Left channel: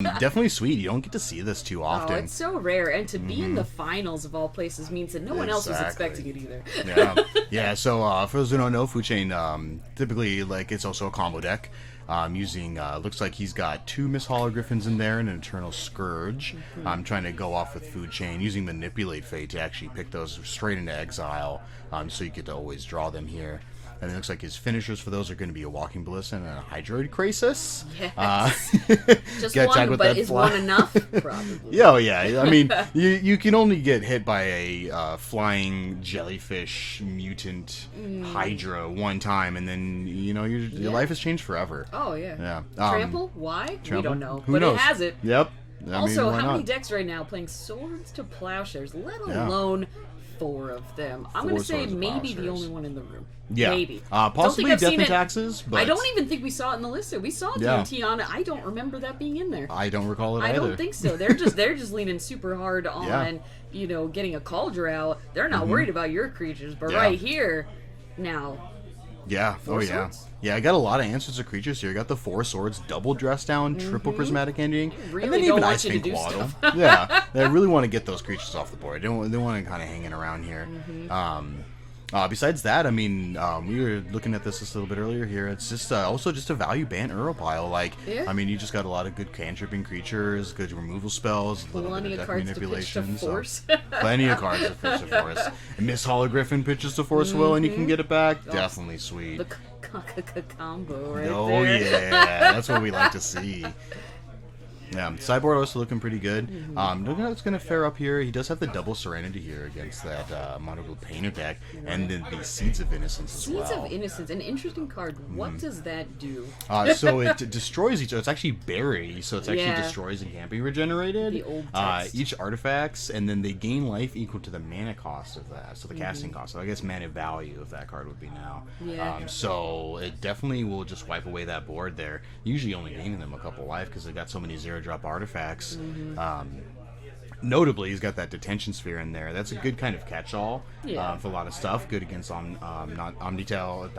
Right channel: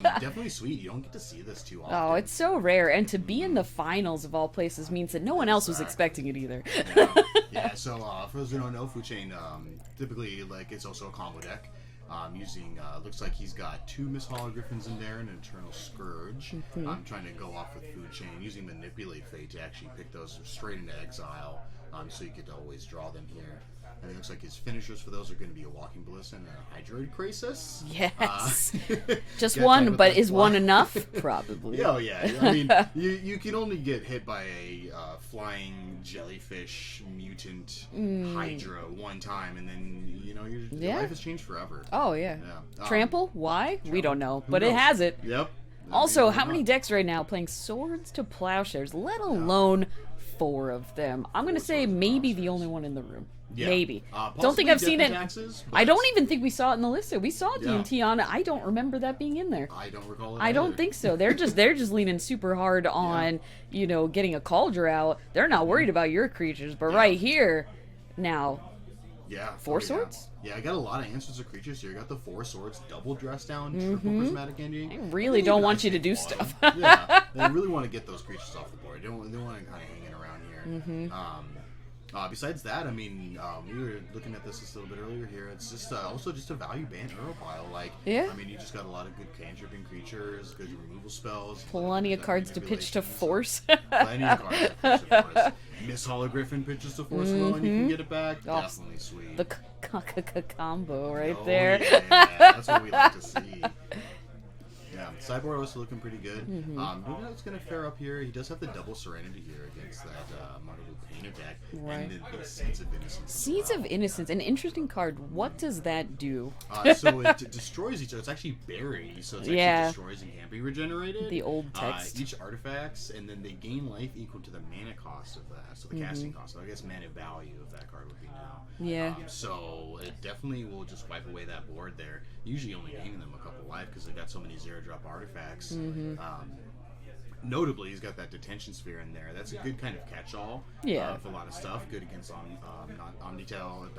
Definitely sweet. You don't get to see this too often. Oh, it's so rare, and to be in the finals of all places means that no one else was expecting it either. Yeah, yeah. So for those who don't know, Food Chain typically it's also a combo deck. Using looks like he's got 2 Miss Hologriffins in there and an Eternal Scourge. I'm trying to go off with Food Chain, using Manipulate Fate to actually pick those straight into exile, so you get to always draw them here. And it looks like his finishers for those are going to be a Walking Ballista and a Hydroid Crisis. Yes. Just one, but is one enough? Probably. Yeah, yeah. I mean, you can only get hit by a flying jellyfish mutant Hydra one time, and then, your life has changed forever. Oh, yeah. Trample? Why? Trample? We don't know. Who but knows? It has it. Yep. Also, how many decks right now playing Swords to Plowshares, let alone 4 of them? I'm going to say maybe the only one in the room. Yeah. Maybe. Possibly don't think I've Death seen and it. Taxes, but I don't even think we saw it in the list. We saw Tiana. I don't remember that being in there. I don't recall it I either. don't think so. They're just leaning super hard on getting a Cauldron out. They're not worried about your creatures, but right here now. Yeah. 4 swords? Yeah, I got a lot of answers to creatures here. I got the 4 swords, double dress down, triple prismatic ending. I really don't want you to do Claw. stuff. Yeah, I really want to get those creatures off the board. They want to kind of hanging around here. Besides that, I mean, we were looking at this a little bit earlier here. It's just also just a value Bant Pile. I mean, you just got a lot of good cantripping creatures, good removal spells, plenty of cards to pitch to force. Plenty of cards to pitch to force. And Miss Hologriffin pitches to force will, and you can get it back. Definitely sweet. The combo right there. Oh yeah, that's what we like to see. Yeah, sideboard also looking pretty good. Looking how it's going to fare up here. He does have the double Serenity here against that Monocle Painter deck, and then the Seeds of Innocence as well. Seeds of Innocence, an interesting card. What does that do? So it destroys each other. It's actually Bury, so it's actually destroys and can't be regenerated. The old text. Each artifacts, and then they gain life equal to the mana cost of that, so the casting cost. So I guess mana value of that card would be now. Yeah. So it definitely will just wipe away that board there. Usually only gaining them a couple life because they got so many 0-drop artifacts. Notably, he's got that Detention Sphere in there. That's a good kind of catch-all for a lot of stuff. Good against not Omnitel,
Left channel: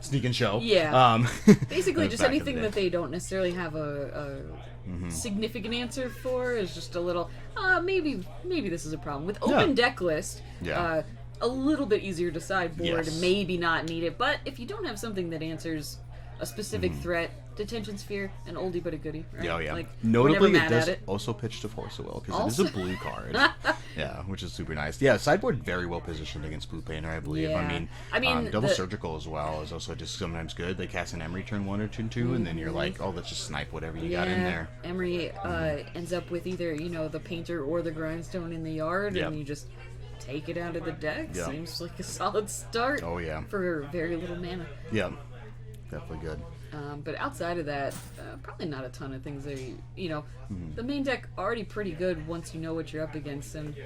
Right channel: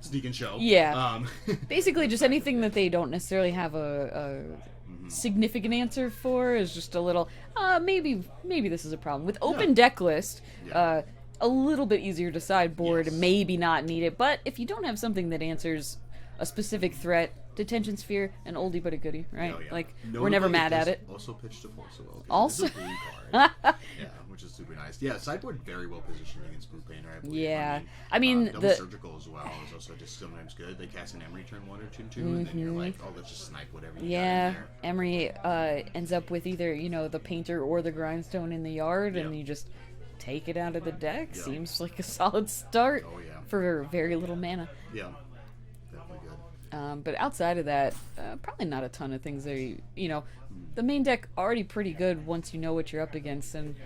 Sneak and Show. Yeah. Basically, just anything that they don't necessarily have a significant answer for is just a little. Maybe this is a problem with open deck list. A little bit easier to sideboard, maybe not need it. But if you don't have something that answers a specific threat, Detention Sphere, an oldie but a goodie, right? Oh, yeah. Like, notably, we're never mad it does at it. also pitch to Force of Will, because it is a blue card. Yeah, which is super nice. Yeah, sideboard very well positioned against Blue Painter, I believe. Yeah. I mean double Surgical as well is also just sometimes good. They cast an Emery turn 1 or turn 2, and then you're like, oh, let's just snipe whatever you got in there. Emery ends up with either, the Painter or the Grindstone in the yard, and you just take it out of the deck. Seems like a solid start for very little mana. Yeah, definitely good. But outside of that, probably not a ton of things that the main deck already pretty good once you know what you're up against, and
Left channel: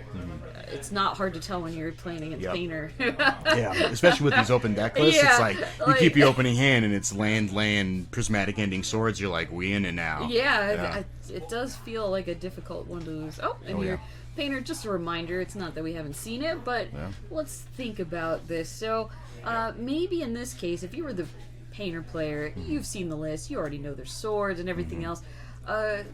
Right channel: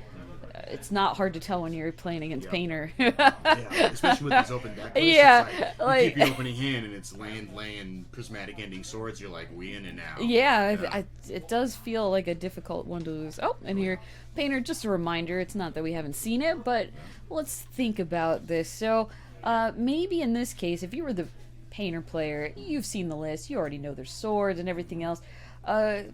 it's not hard to tell when you're playing against Painter. Yeah, especially with these open deck lists, it's like you keep your opening hand and it's land, prismatic ending swords. You're like, we in it now. Yeah. It does feel like a difficult one to lose. Your Painter. Just a reminder, it's not that we haven't seen it, but let's think about this. So maybe in this case, if you were the Painter player, you've seen the list, you already know their swords and everything else.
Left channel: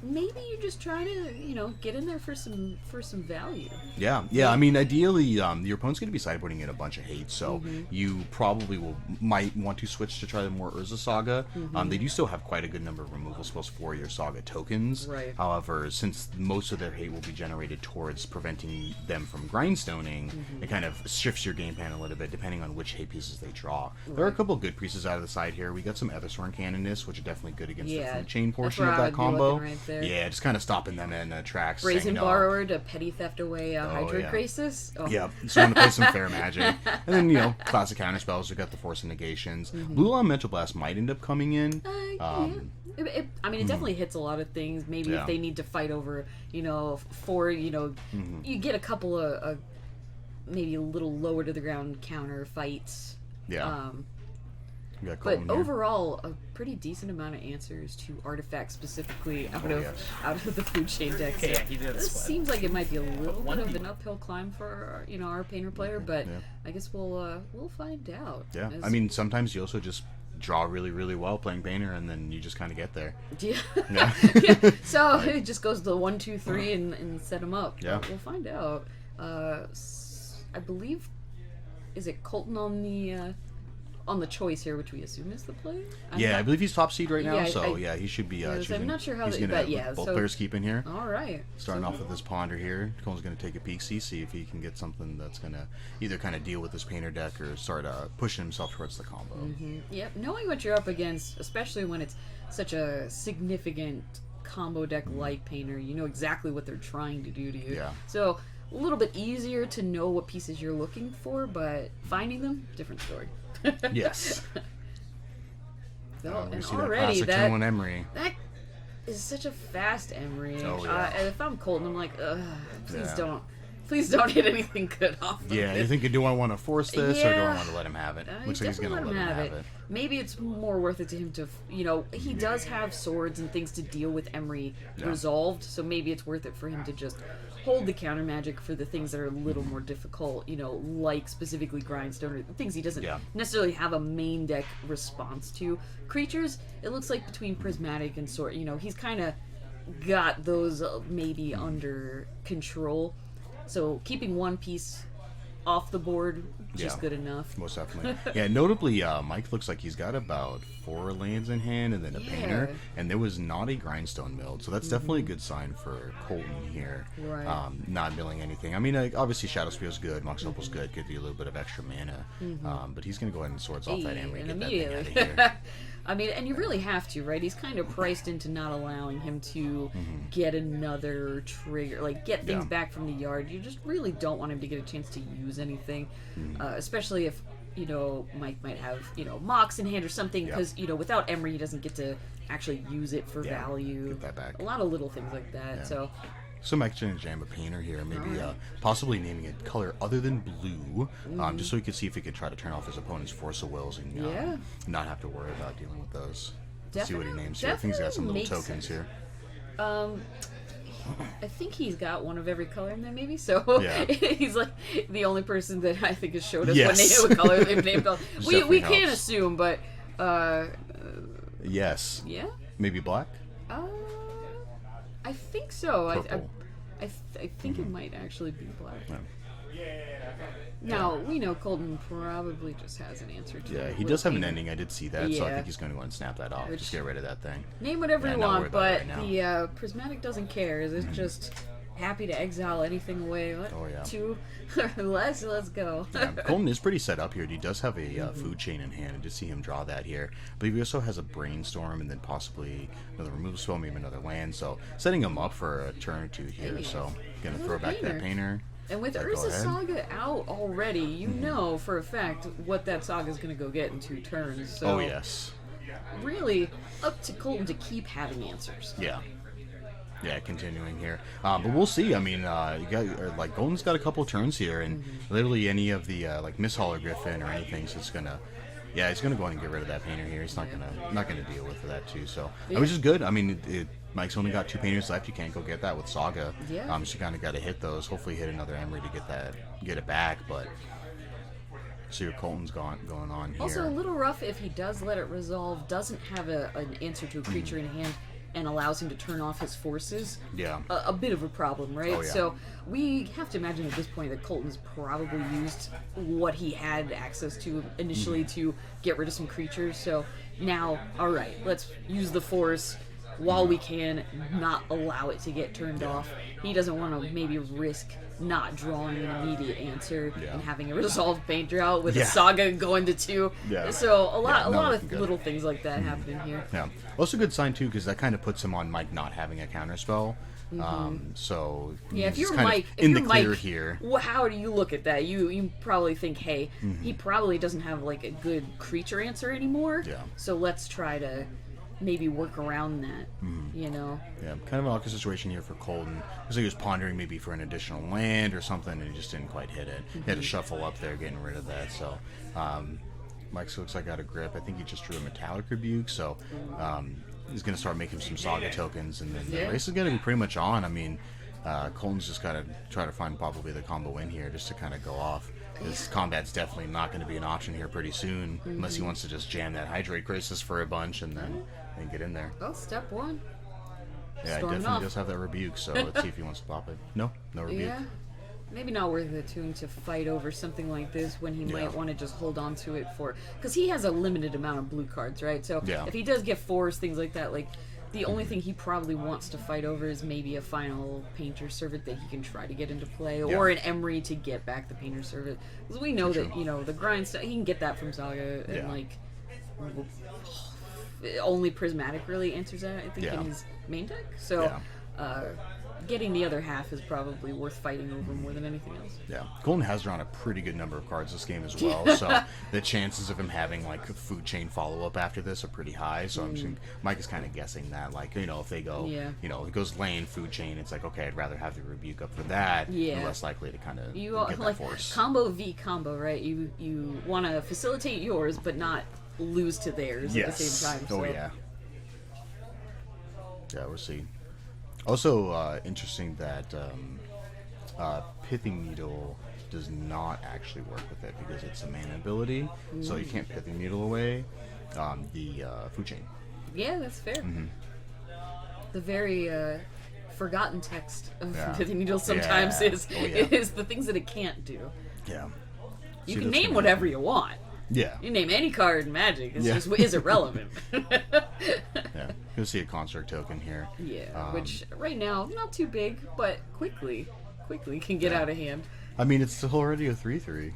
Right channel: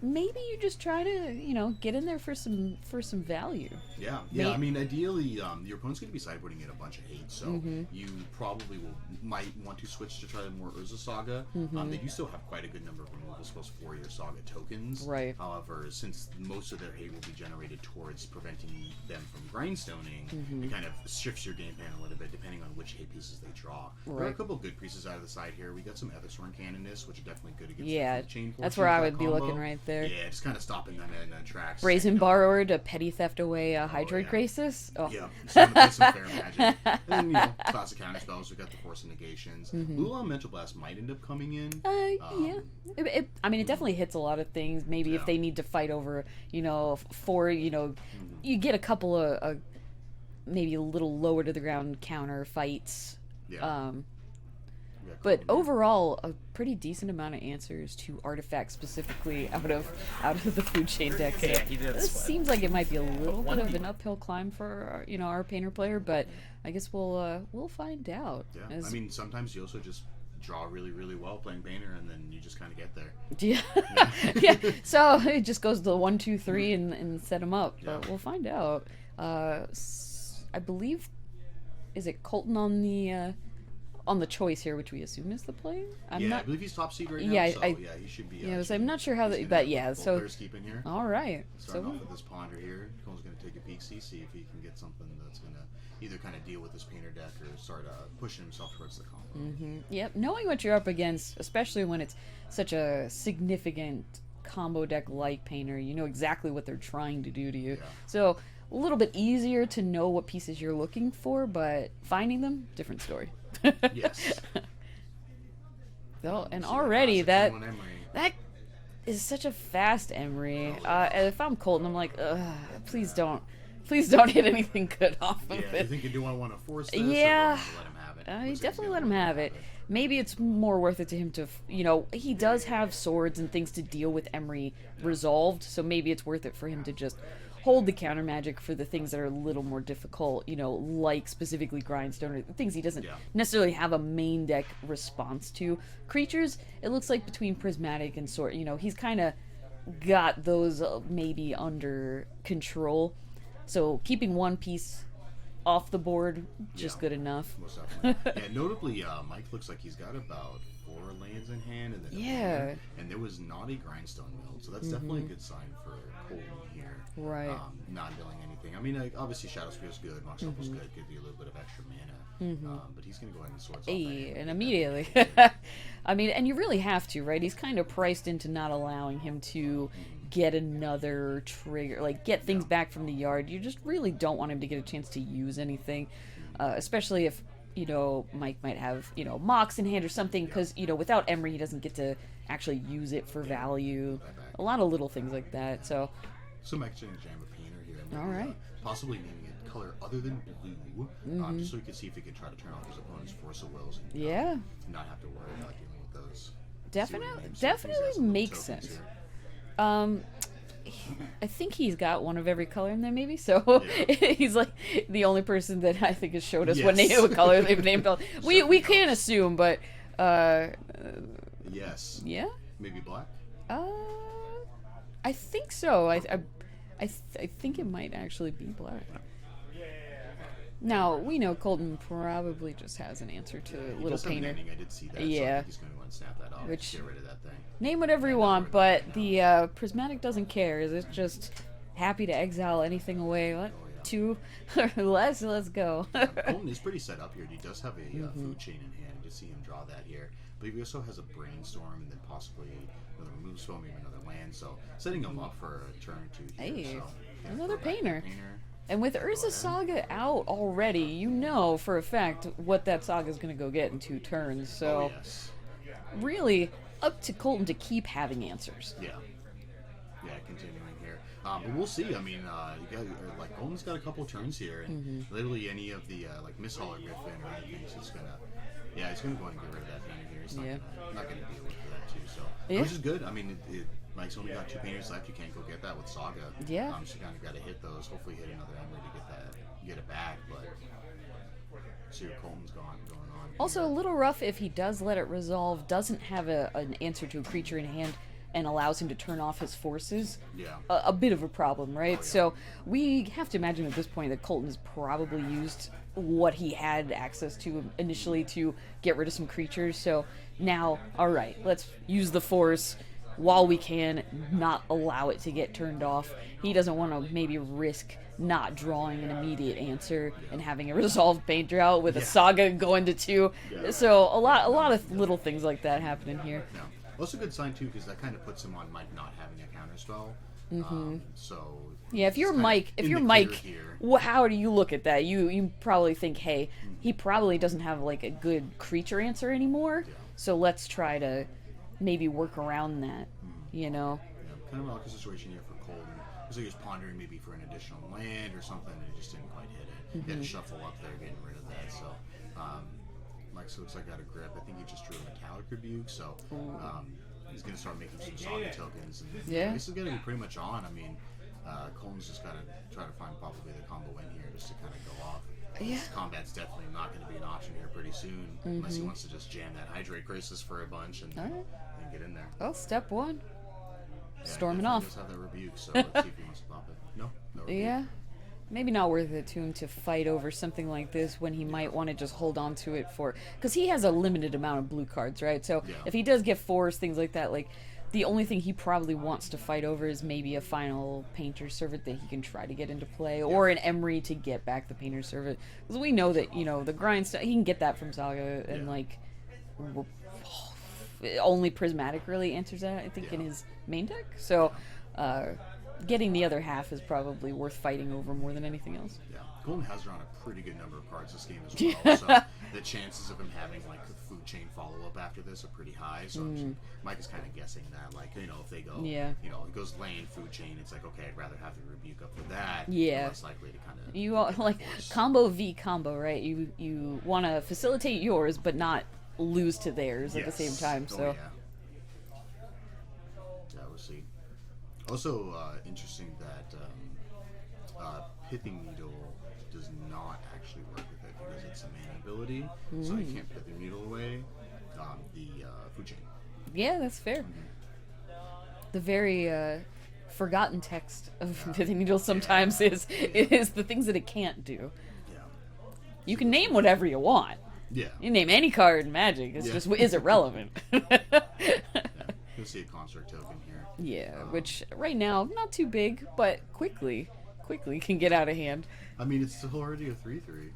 Maybe you're just trying to, get in there for some value. Yeah. I mean, ideally, your opponent's going to be sideboarding in a bunch of hate, so you probably might want to switch to try the more Urza Saga. They do still have quite a good number of removal spells for your Saga tokens. Right. However, since most of their hate will be generated towards preventing them from grindstoning, it kind of shifts your game plan a little bit depending on which hate pieces they draw. Right. There are a couple good pieces out of the side here. We got some Ethersworn Canonists, which are definitely good against the food chain portion of that combo. Right there. Yeah, just kind of stopping them in tracks. Brazen Borrower to petty theft away a Hydroid Crisis. Yeah, just want to play some fair magic. And then, classic counter spells. We got the Force of Negations. Blue Line Mental Blast might end up coming in. It definitely hits a lot of things. Maybe if they need to fight over, you get a couple of maybe a little lower to the ground counter fights. Yeah. But overall, a pretty decent amount of answers to artifacts specifically out of the food chain deck. Okay, he did This seems like it might be a little bit of an uphill climb for our Painter player, but I guess we'll find out. Yeah, I mean, sometimes you also just draw really, really well playing Painter, and then you just kind of get there. Yeah. Yeah. Yeah. So it just goes to 1, 2, 3 and set him up. Yeah. But we'll find out. I believe, is it Colton on the choice here, which we assume is the play? I believe he's top seed right now, Yeah, so he should be. so I'm not sure how, he's gonna but have both so players keep in here. all right. Starting off with this Ponder here, Cole's going to take a peek, see if he can get something that's going to either kind of deal with this Painter deck or start pushing himself towards the combo. Yep, knowing what you're up against, especially when it's such a significant combo deck like Painter, you know exactly what they're trying to do to you. Yeah. So a little bit easier to know what pieces you're looking for, but finding them, different story. Yes. So, We and see already that Emery. that is such a fast Emery. Oh, yeah. If I'm Colton, I'm like, ugh, please Yeah. don't hit anything good off of Yeah, it. you think, do I want to force this or do I want to let him have it? Looks like he's Definitely gonna let him have it. Maybe it's more worth it to him to, he does have swords and things to deal with Emery resolved, so maybe it's worth it for him to just hold the counter magic for the things that are a little more difficult, like specifically Grindstone or things he doesn't necessarily have a main deck response to. Creatures, it looks like between Prismatic and Sword, he's kind of got those maybe under control. So keeping one piece off the board just good enough. Most definitely. Yeah, notably, Mike looks like he's got about 4 lands in hand and then a Painter, and there was not a Grindstone milled, so that's definitely a good sign for Colton here. Right. Not milling anything. I mean, obviously Shadow Spear's good, Mox Opal's good, gives you a little bit of extra mana, but he's going to go ahead and swords off that Emery. And immediately. I mean, and you really have to, right? He's kind of priced into not allowing him to get another trigger, like get things back from the yard. You just really don't want him to get a chance to use anything, especially if, Mike might have, Mox in hand or something, because, without Emery, he doesn't get to actually use it for value. Get that back. A lot of little things like that, so... So Mike's going to jam a Painter here, maybe possibly naming it color other than blue, just so he could see if he could try to turn off his opponent's Force of Wills and not have to worry about dealing with those. See what he names here. I think he's got some little tokens here. I think he's got one of every color in there, maybe. So he's like the only person that I think has showed us what color they've named. We can't assume, but yes. Yeah. Maybe black. I think so. I think it might actually be black. Yeah. Now, we know Colton probably just has an answer to it. Yeah, he does have an ending. I did see that, so I think he's going to go and snap that off. Just get rid of that thing. Name whatever you want, but the Prismatic doesn't care. It's just happy to exile anything away. What? Oh, yeah. 2 or less? Let's go. Colton is pretty set up here. He does have a food chain in hand. I did see him draw that here. But he also has a Brainstorm and then possibly another removal spell, maybe another land. So setting him up for a turn or two here. So going to throw back that Painter. And with Urza Saga out already, you know for a fact what that Saga is going to go get in 2 turns. So really up to Colton to keep having answers. Yeah, continuing here. But we'll see. I mean, you got Colton's got a couple turns here, and literally any of the Miss Hologriffin or anything, so it's gonna. Yeah, he's gonna go ahead and get rid of that Painter here. He's not gonna deal with that too. So which is good. I mean, Mike's only got 2 Painters left. You can't go get that with Saga. Yeah. So you kind of got to hit those. Hopefully, hit another Emery to get it back. But see your Colton's going on here. Also, a little rough if he does let it resolve. Doesn't have an answer to a creature in hand. And allows him to turn off his forces. Yeah. A bit of a problem, right? Oh, yeah. So we have to imagine at this point that Colton's probably used what he had access to initially to get rid of some creatures. So now, all right, let's use the force while we can, not allow it to get turned off. He doesn't want to maybe risk not drawing an immediate answer and having a resolved Painter out with a Saga going to 2. Yeah. So a lot of little things like that happening here. Yeah. Also a good sign too, because that kind of puts him on Mike not having a counter spell. So if you're Mike, here. Well, how do you look at that? You probably think, hey, he probably doesn't have like a good creature answer anymore. Yeah. So let's try to maybe work around that. Yeah, kind of an awkward situation here for Colton. Because he was pondering maybe for an additional land or something, and he just didn't quite hit it. He had to shuffle up there, getting rid of that. So Mike looks like got a grip. I think he just drew a Metallic Rebuke, so he's going to start making some Saga tokens, and then the race is going to be pretty much on. I mean, Colton's just got to try to find probably the combo in here just to kind of go off. This combat's definitely not going to be an option here pretty soon, unless he wants to just jam that Hydrate Crisis for a bunch and then get in there. Oh, step one. Yeah, Storming definitely off. does have that Rebuke, so let's see if he wants to pop it. No Rebuke. Yeah. Maybe not worth it to him to fight over something like this when he might want to just hold on to it for... Because he has a limited amount of blue cards, right? So if he does get force, things like that, like, the only thing he probably wants to fight over is maybe a final Painter Servant that he can try to get into play, or an Emery to get back the Painter Servant. Because we know that, you know, the grind stuff, he can get that from Saga, and, like... Only Prismatic really answers that, I think, in his main deck. So, getting the other half is probably worth fighting over more than anything else. Yeah. Golden has drawn a pretty good number of cards this game as well, so the chances of him having, like, food chain follow-up after this are pretty high, so I'm just, Mike is kind of guessing that, like, you know, if they go, you know, it goes lane, food chain, it's like, okay, I'd rather have the Rebuke up for that, you're less likely to kind of get like, that force. Combo v combo, right? You want to facilitate yours, but not lose to theirs at the same time. So. Oh, yeah. Yeah, we'll see. Also, interesting that Pithing Needle does not actually work with it because it's a mana ability, so you can't Pithing Needle away the food chain. Yeah, that's fair. The very forgotten text of Pithing Needle sometimes is the things that it can't do. Yeah. You can name whatever you want. Yeah. You name any card in Magic. It's just is irrelevant. You'll see a Construct token here. Yeah, which right now not too big, but quickly can get out of hand. I mean, it's already a 3/3.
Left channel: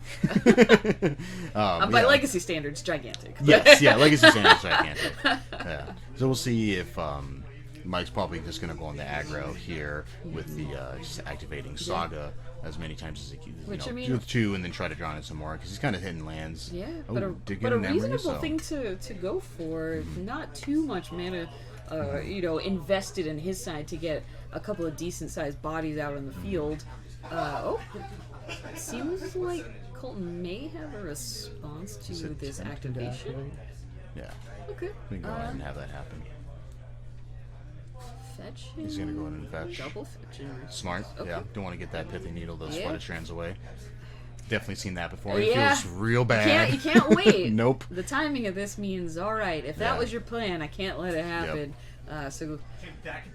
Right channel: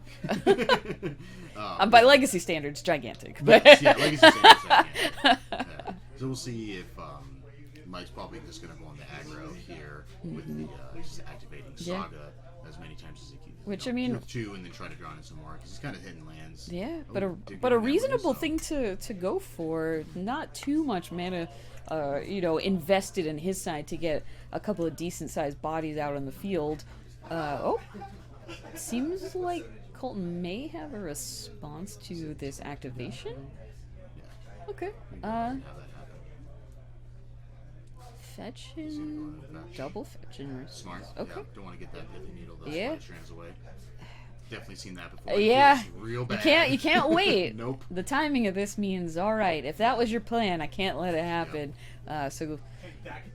By legacy standards, gigantic. Yes, legacy standards gigantic. Yeah. So we'll see if Mike's probably just going to go on the aggro here with the just activating Saga as many times as he can. Which, I mean, with 2 and then try to draw in some more because he's kind of hitting lands. Yeah, but a reasonable thing to go for. Not too much mana, you know, invested in his side to get a couple of decent sized bodies out on the field. Seems like Colton may have a response to this activation. Yeah. Okay. We can go ahead and have that happen. Fetch him. He's gonna go ahead and fetch. Double fetch him. Smart. Okay. Yeah. Don't want to get that Pithing Needle, those flooded strands away. Definitely seen that before. Yeah. It feels real bad. You can't wait. Nope. The timing of this means, all right, if that was your plan, I can't let it happen. So,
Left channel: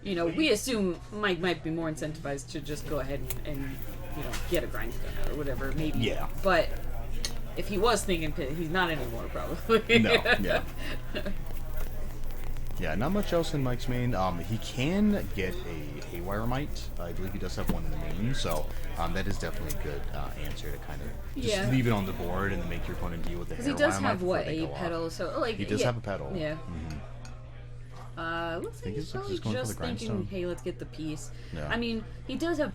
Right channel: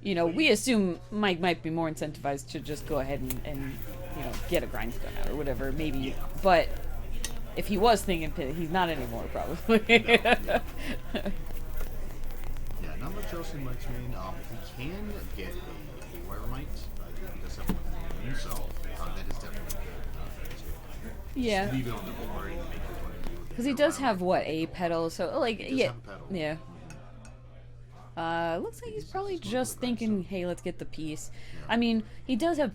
you know, we assume Mike might be more incentivized to just go ahead and you know, get a grind or whatever, maybe. Yeah. But if he was thinking pit, he's not anymore, probably. No. Yeah. Yeah. Not much else in Mike's main. He can get a Haywire Mite. I believe he does have one in the main, so that is definitely a good answer to kind of just leave it on the board and make your opponent deal with the Haywire Mite. Because he does have what, a pedal? So like he does have a pedal. Yeah. Looks like he's probably just thinking, hey, let's get the piece. Yeah. I mean, he does have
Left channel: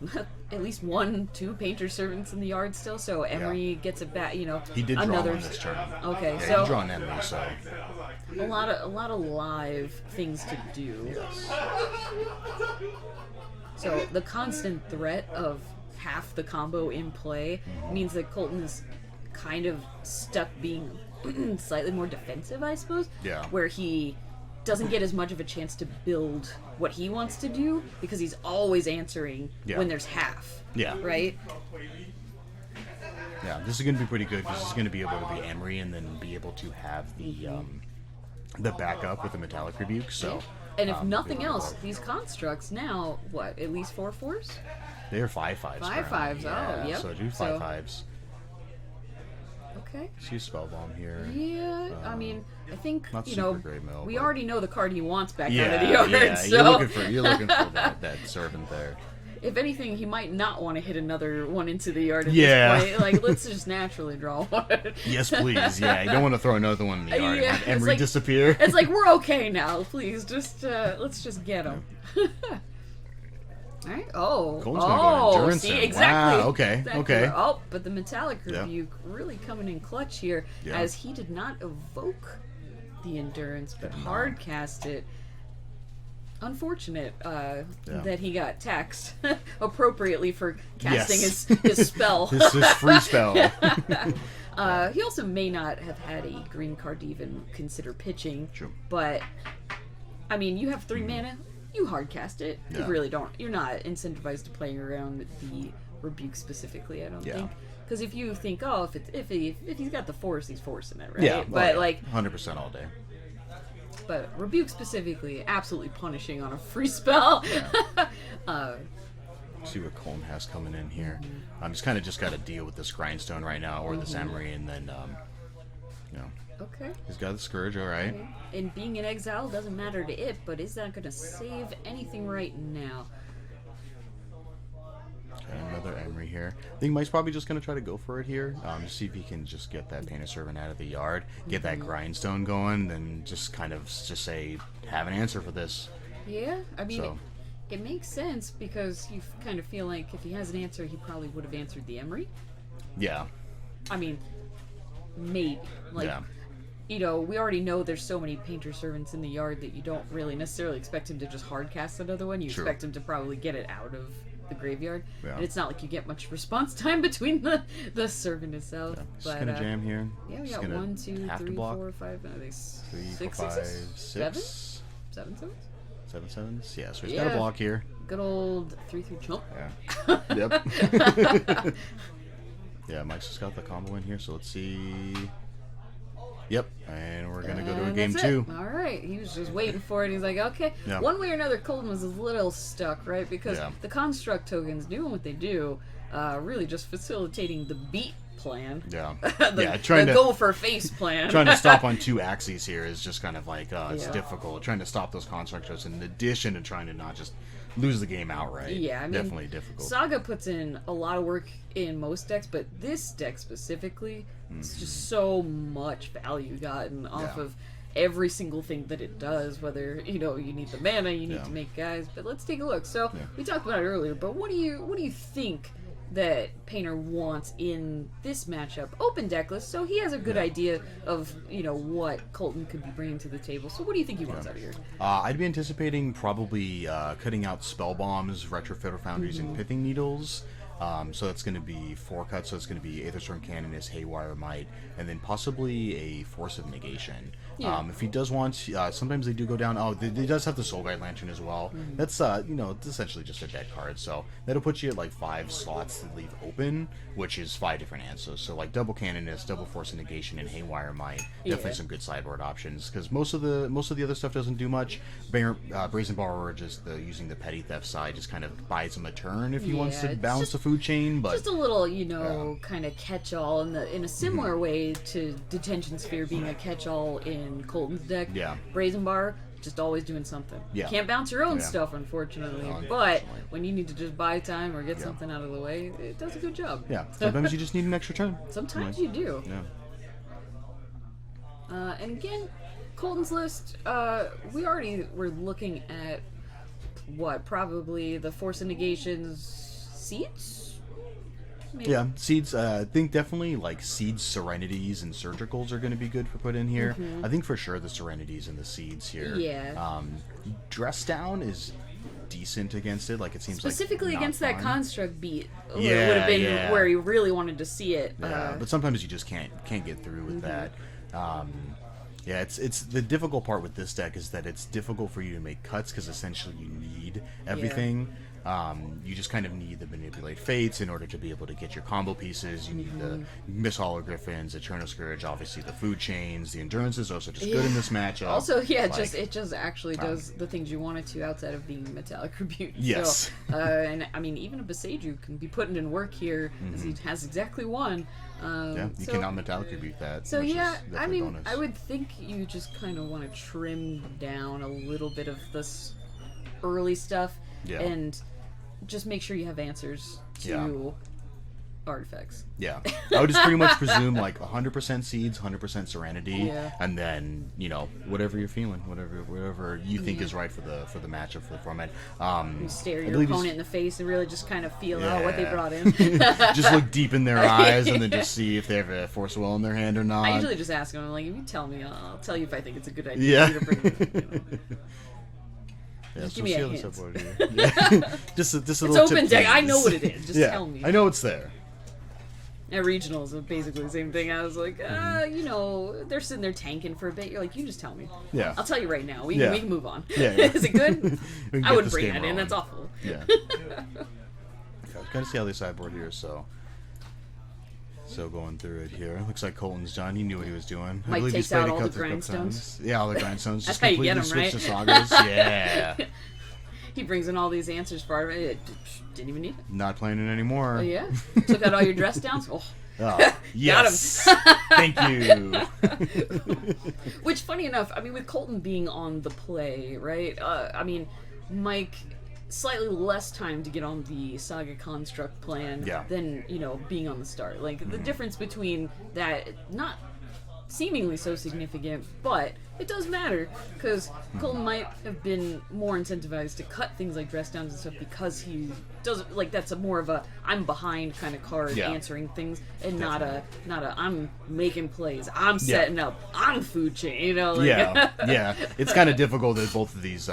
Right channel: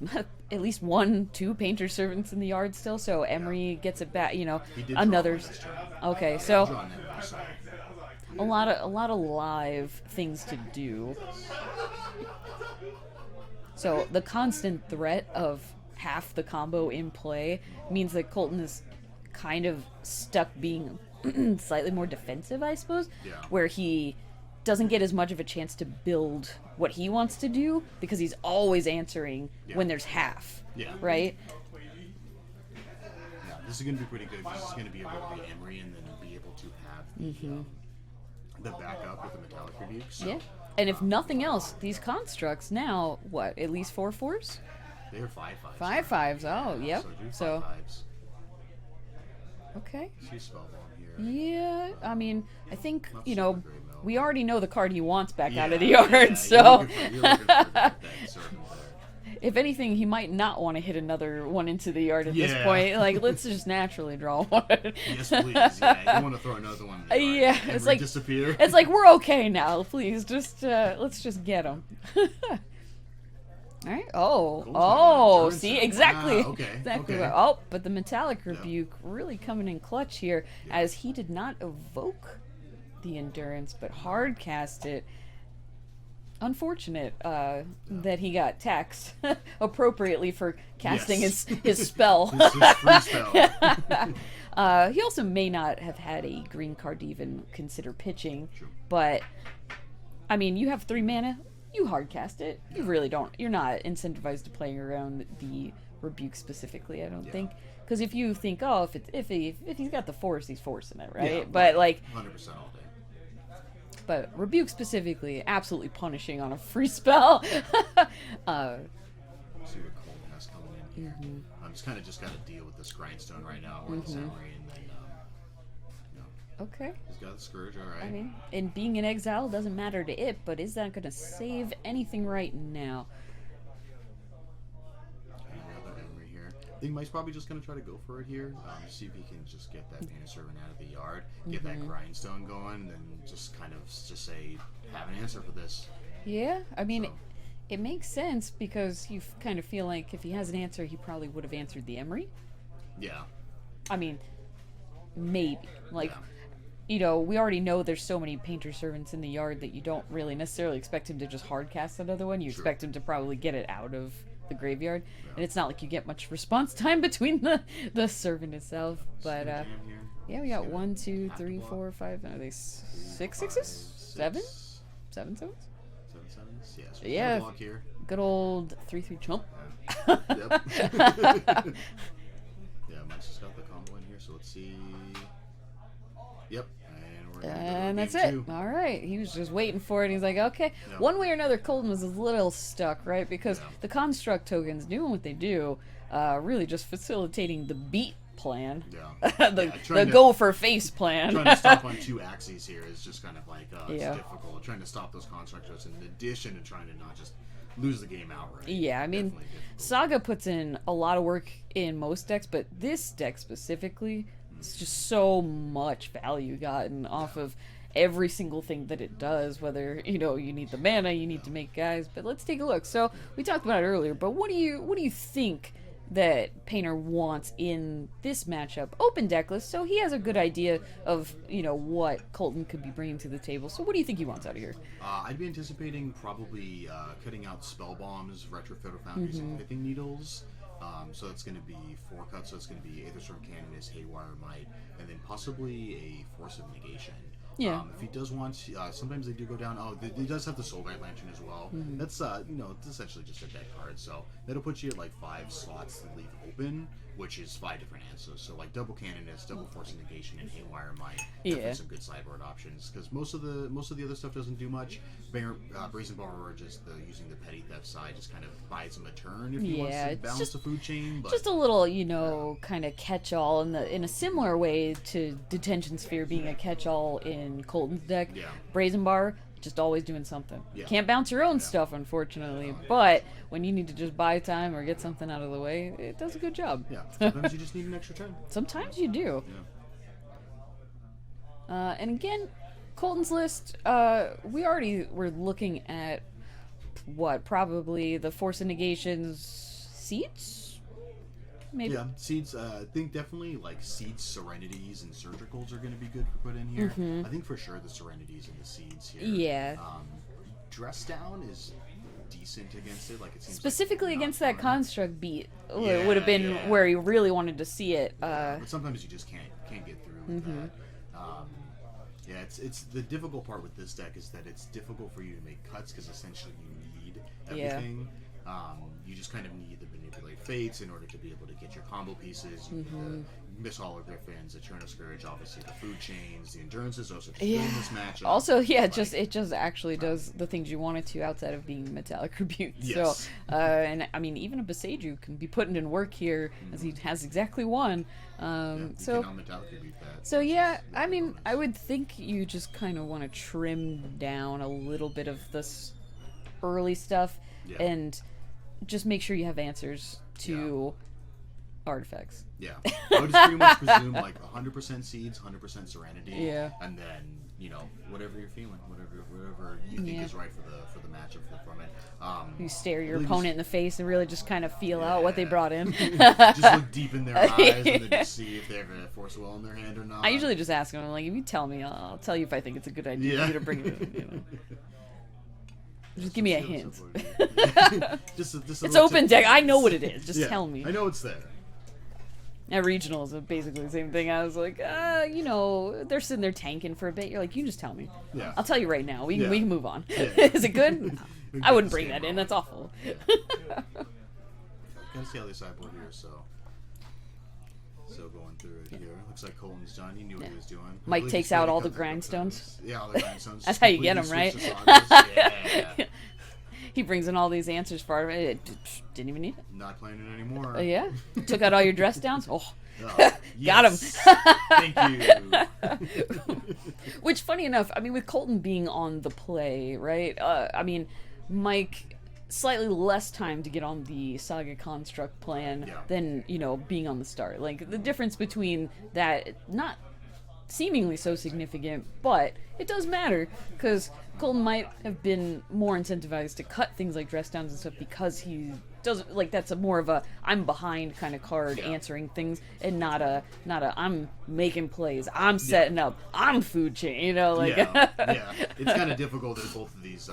at least 1-2 Painter Servants in the yard still, so Emery gets it back, you know. He did another draw one this turn. Okay, Yeah, so he draw an Emery, so a lot of live things to do. So the constant threat of half the combo in play means that Colton is kind of stuck being slightly more defensive, I suppose. Yeah. Where he doesn't get as much of a chance to build what he wants to do because he's always answering when there's half. Yeah. Right? Yeah, this is going to be pretty good because it's going to be able to be Emery and then be able to have the backup with the Metallic Rebuke. So, and if nothing else, these constructs now, what, at least 4/4s? They're 5/5s. 5/5s, yeah, oh, yep. So do 5/5s. Okay. Let's use Spellbomb here. Yeah, I mean, I think, not you super know, great mill, we but- already know the card he wants back Yeah, out of the yard, yeah, so... you're looking for that servant there. If anything, he might not want to hit another one into the yard at Yeah. this point. Like, let's just naturally draw one. Yes, please. Yeah, you don't want to throw another one in the yard. Yeah, and it's Emery like- disappear. It's like, we're okay now, please, just, let's just get him. Alright, Colton's gonna go endurance see, then. exactly. Wow, okay, Exactly. okay. Oh, but the Metallic Rebuke really coming in clutch here, Yeah. as he did not evoke the Endurance, but hard cast it. Unfortunate that he got taxed appropriately for casting his spell. his free spell. He also may not have had a green card to even consider pitching. True. But, I mean, you have 3 mana, you hard cast it. Yeah. You really don't. You're not incentivized to play around the Rebuke specifically, I don't think. Because if you think, oh, if he's got the force, he's forcing it, right? Yeah, but like 100% all day. But rebuke specifically, absolutely punishing on a free spell. See what Colton has coming in here. I'm just kind of got to deal with this grindstone right now, or this emery, and then Okay. he's got the scourge, all right. Okay. And being in exile doesn't matter to it, but is that going to save anything right now? Okay, another emery here. I think Mike's probably just going to try to go for it here. See if he can just get that Painted Servant out of the yard, get that grindstone going, then just kind of just say, have an answer for this. Yeah, I mean, So. it makes sense because you kind of feel like if he has an answer, he probably would have answered the emery. Yeah. I mean, maybe. Like, Yeah. you know, we already know there's so many Painter Servants in the yard that you don't really necessarily expect him to just hard cast another one. You True. expect him to probably get it out of the graveyard. Yeah. And it's not like you get much response time between the servant itself. Just But gonna jam here. yeah, we Just got gonna 1, 2, have to 3, block. 4, 5. Are they 6 5, sixes? 7? 6. 7 sevens? 7 sevens? Yeah, so he's Yeah. got a block here. Good old 3/3 chump. Yeah. Yep. Yeah, Mike's just got the combo in here, so let's see. Yep, and we're gonna go to a game that's 2. It. All right, he was just waiting for it. He's like, okay. Yeah. One way or another, Colton was a little stuck, right? Because Yeah. the construct tokens doing what they do, really just facilitating the beat plan. Yeah. the trying the to go for face plan. trying to stop on 2 axes here is just kind of like it's Yeah. difficult. Trying to stop those constructors in addition to trying to not just lose the game outright. Yeah, I mean, definitely difficult. Saga puts in a lot of work in most decks, but this deck specifically, it's just so much value gotten off Yeah. of every single thing that it does, whether, you know, you need the mana, you need Yeah. to make guys. But let's take a look. So Yeah. we talked about it earlier, but what do you think that Painter wants in this matchup? Open decklist, so he has a good idea of, you know, what Colton could be bringing to the table. So what do you think he wants out of here? I'd be anticipating probably cutting out spell bombs, retrofitter foundries, and pithing needles. So that's going to be 4 cuts. So it's going to be Aetherstorm Canonist, Haywire Might, and then possibly a Force of Negation. Yeah. If he does want, sometimes they do go down. Oh, they does have the Soul Guide Lantern as well. That's it's essentially just a dead card. So that'll put you at like 5 slots to leave open, which is 5 different answers. So like double Canonist, double Force of Negation, and Haywire Might. Definitely Yeah. some good sideboard options because most of the other stuff doesn't do much. Brazen Borrower, just using the petty theft side, just kind of buys him a turn if he wants Yeah, to it's balance just- the food chain. But Just a little, you know, kind of catch-all in a similar way to Detention Sphere being a catch-all in Colton's deck. Yeah. Brazen Bar, just always doing something. Yeah. Can't bounce your own Yeah. stuff, unfortunately. No, but unfortunately. when you need to just buy time or get something out of the way, it does a good job. yeah, sometimes you just need an extra turn. Sometimes you do. Yeah. And again, Colton's list, we already were looking at, probably the Force of Negations seeds? Maybe. Yeah, seeds. I think definitely like seeds, serenities, and surgicals are going to be good for put in here. I think for sure the serenities and the seeds here. Yeah. Dress down is decent against it. Like it seems Specifically like not against that fun. construct beat, where it Yeah, would have been yeah. where he really wanted to see it. Yeah, but sometimes you just can't get through with that. Yeah, it's the difficult part with this deck is that it's difficult for you to make cuts because essentially you need everything. You just kind of need the manipulate fates in order to be able to get your combo pieces. You need the Miss Hologriffins, Eternal Scourge, obviously the food chains, the endurance is also just good in this matchup. Also, yeah, Like, it just actually does the things you want it to outside of being metallic rebuke. Yes. So, and I mean, even a Beseiju can be putting in work here, as he has exactly one. yeah, you so, cannot metallic rebuke that. So which is yeah, I definitely mean, bonus. I would think you just kind of want to trim down a little bit of this early stuff, Yeah. and just make sure you have answers to Yeah. artifacts. Yeah, I would just pretty much presume like 100% seeds, 100% serenity, Yeah. and then whatever you're feeling, whatever you think is right for the matchup for the format. You stare I your believe opponent in the face and really just kind of feel out what they Yeah. brought in. just look deep in their eyes and then just see if they have a Force of Will in their hand or not. I usually just ask them, I'm like, if you tell me, I'll tell you if I think it's a good idea. Yeah. For you to bring it, you know. Yeah, Just so give me a we'll see hint. how this upload here. Yeah. just a It's little open tip, deck. I know please. what it is. Just Yeah, tell me. I know it's there. At regionals, it's basically the same thing. I was like, they're sitting there tanking for a bit. You're like, you just tell me. Yeah. I'll tell you right now. We Yeah. can move on. Yeah, yeah. Is it good? We can I get wouldn't this bring game that in. rolling. That's awful. Yeah. Gotta see how they sideboard here. So So going through it here, looks like Colton's done. He knew what he was doing. I Mike believe takes he's played out a all the couple of grindstones. times. Yeah, all the grindstones. That's Just how you get completely 'em, switch right? to sagas. Yeah. He brings in all these answers for it. Didn't even need it. Not playing it anymore. Oh, yeah? Took out all your dress downs? Oh. Oh, yes. Thank you. Which, funny enough, I mean, with Colton being on the play, right? I mean, Mike, slightly less time to get on the Saga Construct plan than, being on the start. Like, the difference between that, not seemingly so significant, but it does matter, because Colton might have been more incentivized to cut things like dress downs and stuff because he doesn't, like, that's a more of a I'm behind kind of card answering things, and not a I'm making plays, I'm setting up, I'm food chain, like yeah. It's kind of difficult that both of these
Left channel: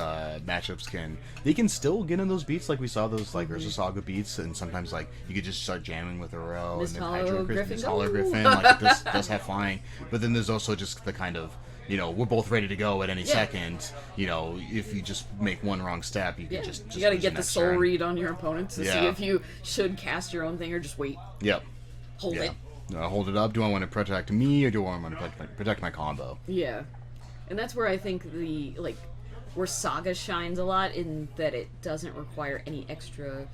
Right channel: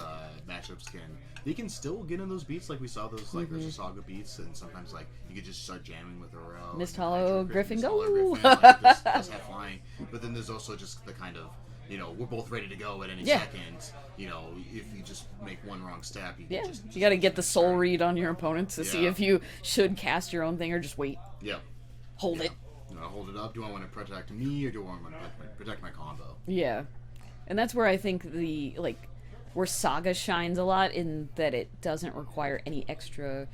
matchups can still get in those beats, like we saw those like Ursa Saga beats, and sometimes like you could just start jamming with a row Mist and then Hollow Griffin, Mist Hollow go! Griffin, like this does have flying, but then there's also just the kind of we're both ready to go at any second. If you just make one wrong step, you can just you got to get the soul turn. read on your opponent to see if you should cast your own thing or just wait. Yep. Hold it. Hold it up. Do I want to protect me or do I want to protect my combo? Yeah, and that's where I think where Saga shines a lot in that it doesn't require any extra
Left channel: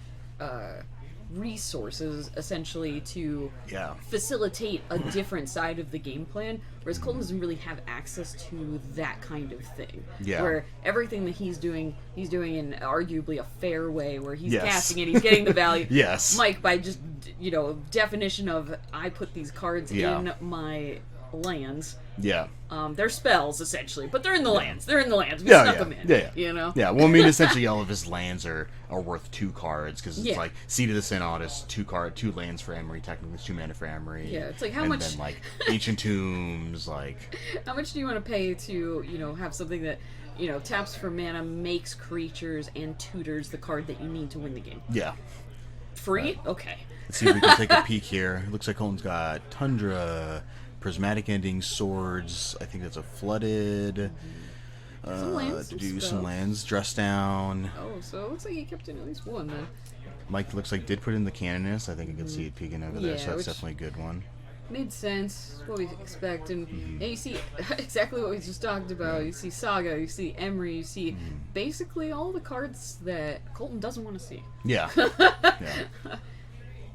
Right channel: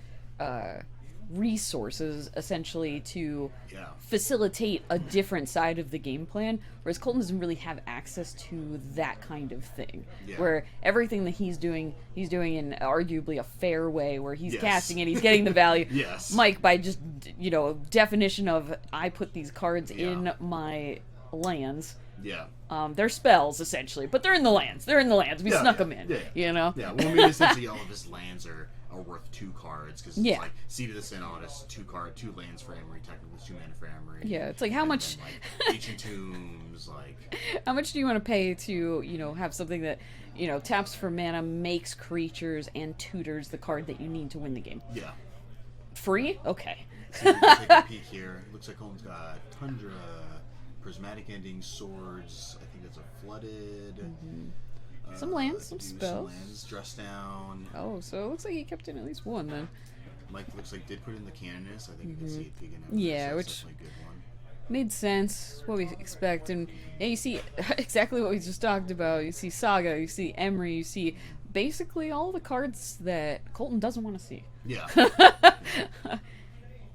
resources essentially to facilitate a different side of the game plan, whereas Colton doesn't really have access to that kind of thing. Where everything that he's doing in arguably a fair way, where he's casting it, he's getting the value. Mike, by just definition of I put these cards in my lands. They're spells essentially, but they're in the lands. They're in the lands. We snuck them in. Well, I mean, essentially, all of his lands are worth 2 cards because it's like Seed of the Synod is 2 lands for Emery. Technically, it's 2 mana for Emery. Yeah, it's like how much. Then, like Ancient Tombs, like how much do you want to pay to have something that taps for mana, makes creatures, and tutors the card that you need to win the game? Free? Okay. Let's see if we can take a peek here. It looks like Colton's got Tundra, Prismatic Ending, Swords. I think that's a Flooded. Some lands. Some lands. Dress Down. Oh, so it looks like he kept in at least one then. Mike looks like did put in the Canonist. I think you can see it peeking over there, so that's definitely a good one. Made sense. What we expect. And you see exactly what we just talked about. You see Saga, you see Emery, you see basically all the cards that Colton doesn't want to see. Yeah.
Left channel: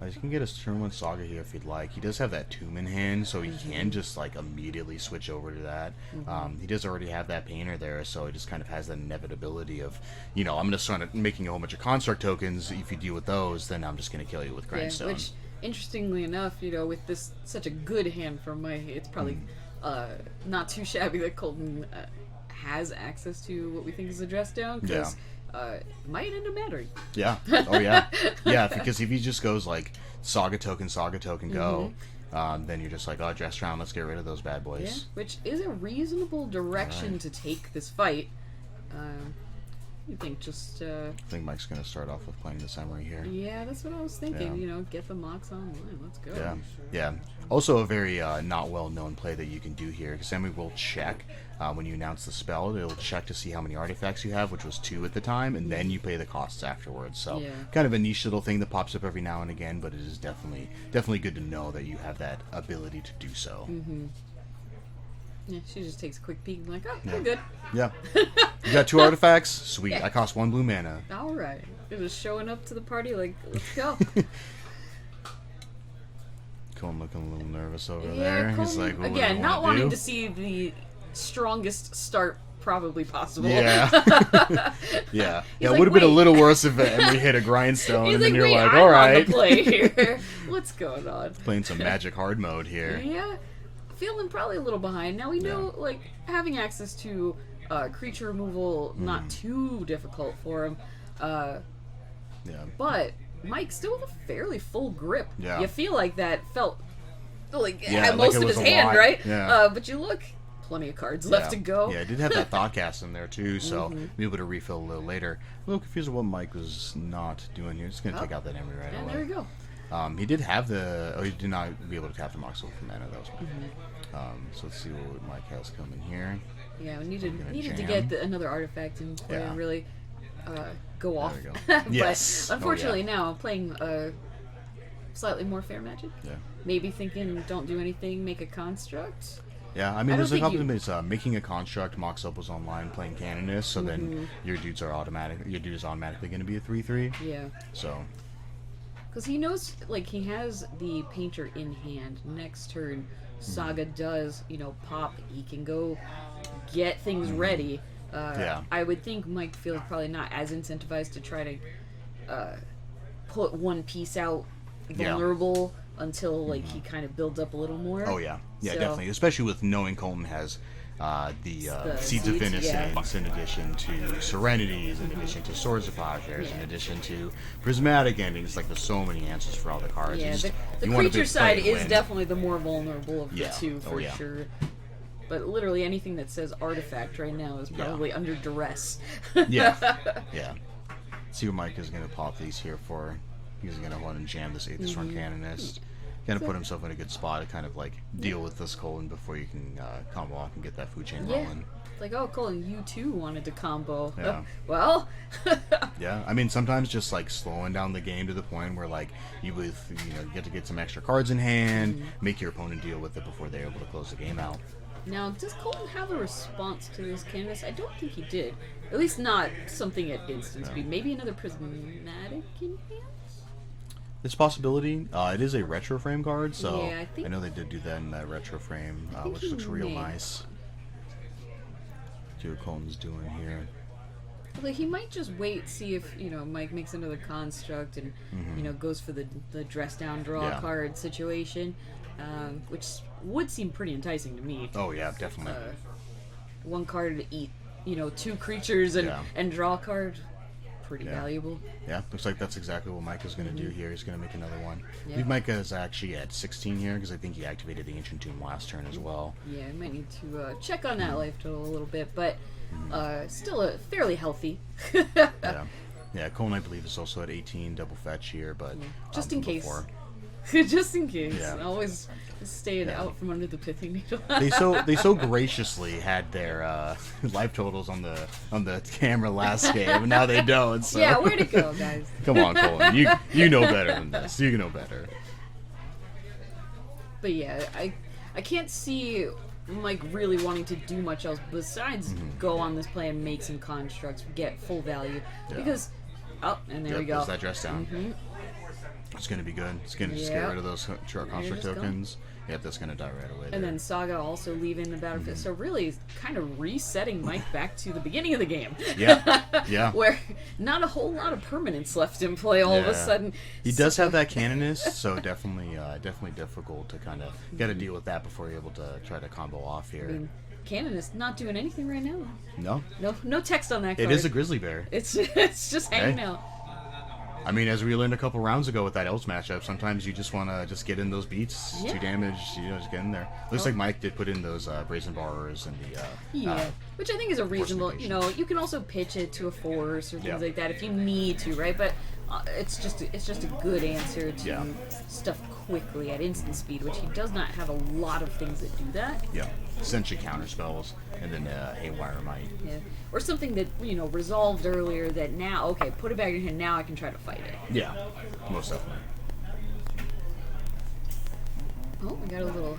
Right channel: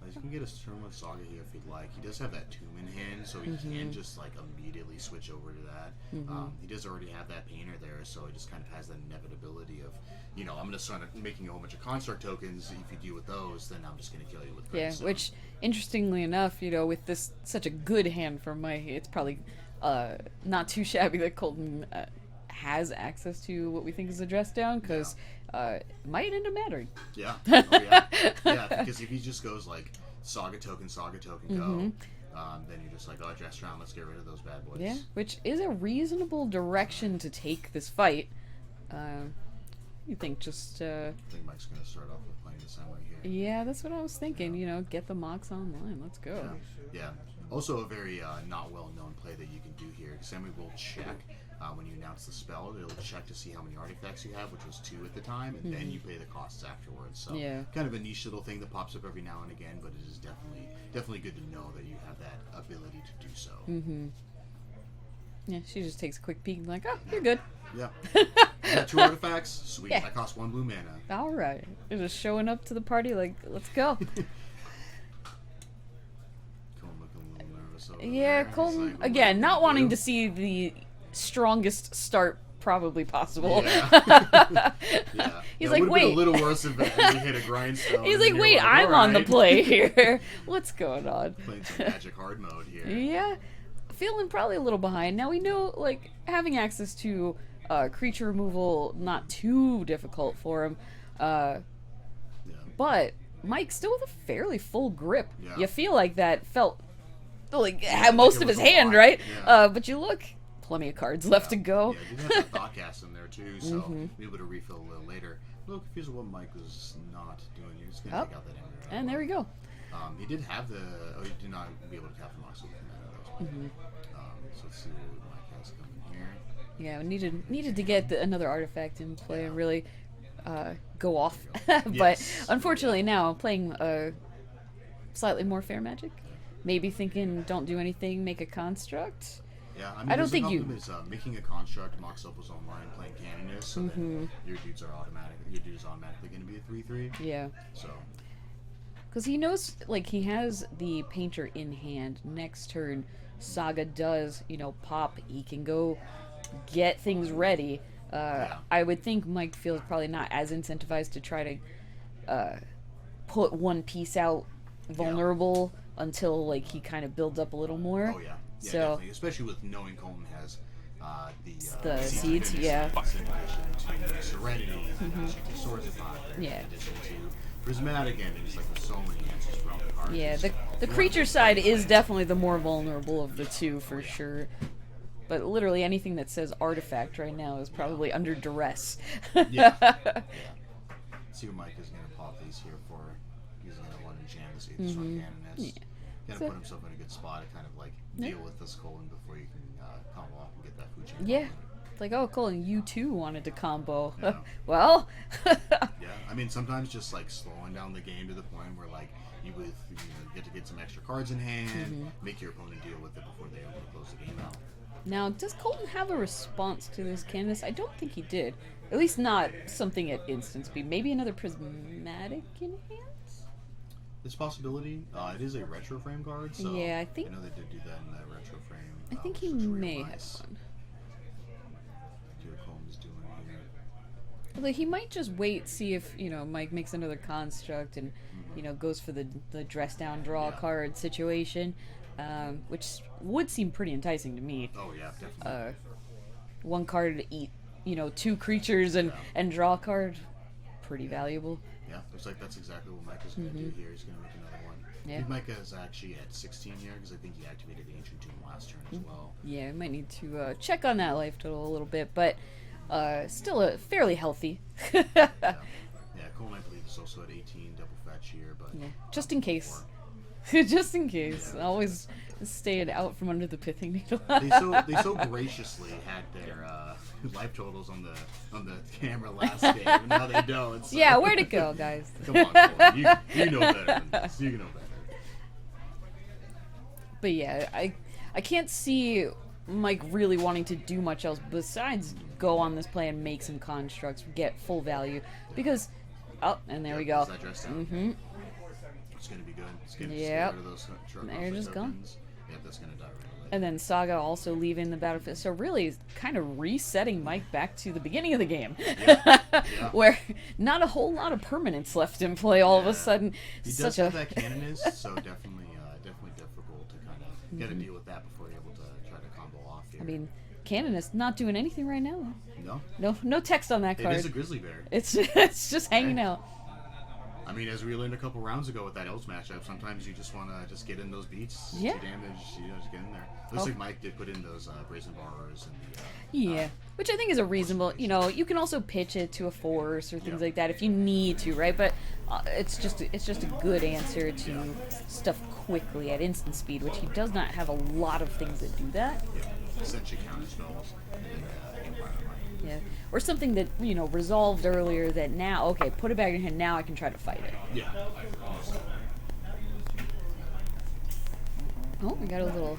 You can get a turn 1 Saga here if you'd like. He does have that Tomb in hand, so he can just like immediately switch over to that. He does already have that Painter there, so he just kind of has that inevitability of, I'm going to start making a whole bunch of Construct tokens. If you deal with those, then I'm just going to kill you with Grindstone. Which, interestingly enough, with this such a good hand from Mike, it's probably not too shabby that Colton has access to what we think is a dress down, because might end up mattering. Because if he just goes like Saga token, go, then you're just like, oh, dress down, let's get rid of those bad boys. Which is a reasonable direction to take this fight. You think just... I think Mike's going to start off with playing the Emery here. Yeah, that's what I was thinking. Get the mocks online. Let's go. Yeah. Also a very not well-known play that you can do here, because Emery will check when you announce the spell. It'll check to see how many artifacts you have, which was 2 at the time, and then you pay the costs afterwards. So kind of a niche little thing that pops up every now and again, but it is definitely good to know that you have that ability to do so. Yeah, she just takes a quick peek and like, oh, you're good. Yeah. You got 2 artifacts? Sweet. I cost 1 blue mana. All right. They're just showing up to the party like, let's go. Colton looking a little nervous over there. Colton, he's like, again, not wanting to see the strongest start probably possible. Yeah. It would have been a little worse if Emery hit a grindstone. He's and like, then you're wait, like, I'm all right. on the play here. What's going on? Playing some Magic Hard mode here. Yeah. Feeling probably a little behind. Now we know, having access to creature removal, not too difficult for him. But Mike still with a fairly full grip. Yeah. You feel like that felt most of his hand, right? Yeah. But you look, plenty of cards left to go. Yeah, I did have that Thoughtcast in there too, so be able to refill a little later. A little confused with what Mike was not doing here. Just gonna take out that Emery right away. And there we go. He did have he did not be able to tap the Mox with mana. That was so let's see what Mike has coming here. Yeah, we needed to get another artifact in play and really go off. But unfortunately now playing slightly more fair Magic. maybe thinking don't do anything, make a construct. Yeah, I mean, there's a couple of things. Making a construct, Mox Up was online playing Canonist, so then your dude is automatically going to be a 3/3. Yeah. So. Because he knows, like, he has the Painter in hand. Next turn, Saga does, pop. He can go get things ready. I would think Mike feels probably not as incentivized to try to put one piece out vulnerable until, like, he kind of builds up a little more. Oh, yeah. Yeah, so, definitely. Especially with knowing Colton has the Seeds of Innocence in addition to Serenities, in addition to Swords of Plowshares, in addition to Prismatic Endings. Like, there's so many answers for all the cards. Yeah, the creature side is definitely the more vulnerable of the two, for sure. But literally anything that says artifact right now is probably under duress. Yeah. See what Mike is going to pop these here for. He's going to want to jam this 8th run Canonist. Going to put himself in a good spot to kind of like deal with this Colton before you can combo off and get that food chain rolling. It's like, oh, Colton, you too wanted to combo. Yeah. Well. Yeah, I mean, sometimes just like slowing down the game to the point where like you get to get some extra cards in hand, make your opponent deal with it before they're able to close the game out. Now, does Colton have a response to this canvas? I don't think he did. At least not something at instant speed. Maybe another prismatic in hands? It's a possibility. It is a retro frame card, so I know they did do that in that retro frame, which looks real nice. See what Colton's doing here. Although he might just wait, see if Mike makes another construct and goes for the dress down draw card situation, which would seem pretty enticing to me. Oh yeah, definitely. One card to eat, 2 creatures and draw a card, pretty valuable. Yeah, looks like that's exactly what Micah's going to do here. He's going to make another one. I think Micah is actually at 16 here because I think he activated the Ancient Tomb last turn as well. Yeah, we might need to check on that life total a little bit, but still fairly healthy. Yeah, Colton, I believe, is also at 18 double fetch here, but just in case. Just in case. Always stay it out from under the pithing needle. they so graciously had their life totals on the camera last game, and now they don't. So. Yeah, where'd it go, guys? Come on, Colton. You know better than this. You know better. But yeah, I can't see Mike really wanting to do much else besides go on this play and make some constructs, get full value. Because and there we go. That dress down. It's going to be good. It's going to just get rid of those construct tokens. Yep, that's going to die right away. And then Saga also leaving the battlefield. So really, it's kind of resetting Mike back to the beginning of the game. Yeah. Where not a whole lot of permanence left in play all of a sudden. He does have that Canonist, so definitely difficult to kind of get a deal with that before you're able to try to combo off here. I mean, Canonist not doing anything right now. No text on that card. It is a grizzly bear. It's just hanging out. I mean, as we learned a couple rounds ago with that Elves matchup, sometimes you just want to just get in those beats, 2 damage, just get in there. Looks like Mike did put in those Brazen Borrowers and the... which I think is a reasonable, you can also pitch it to a force or things like that if you need to, right? But it's just a good answer to stuff quickly at instant speed, which he does not have a lot of things that do that. Yeah, essentially counter spells, and then Haywire Might. Yeah. Or something that, resolved earlier that now, okay, put it back in hand, now I can try to fight it. Yeah, most definitely. Oh, we got a little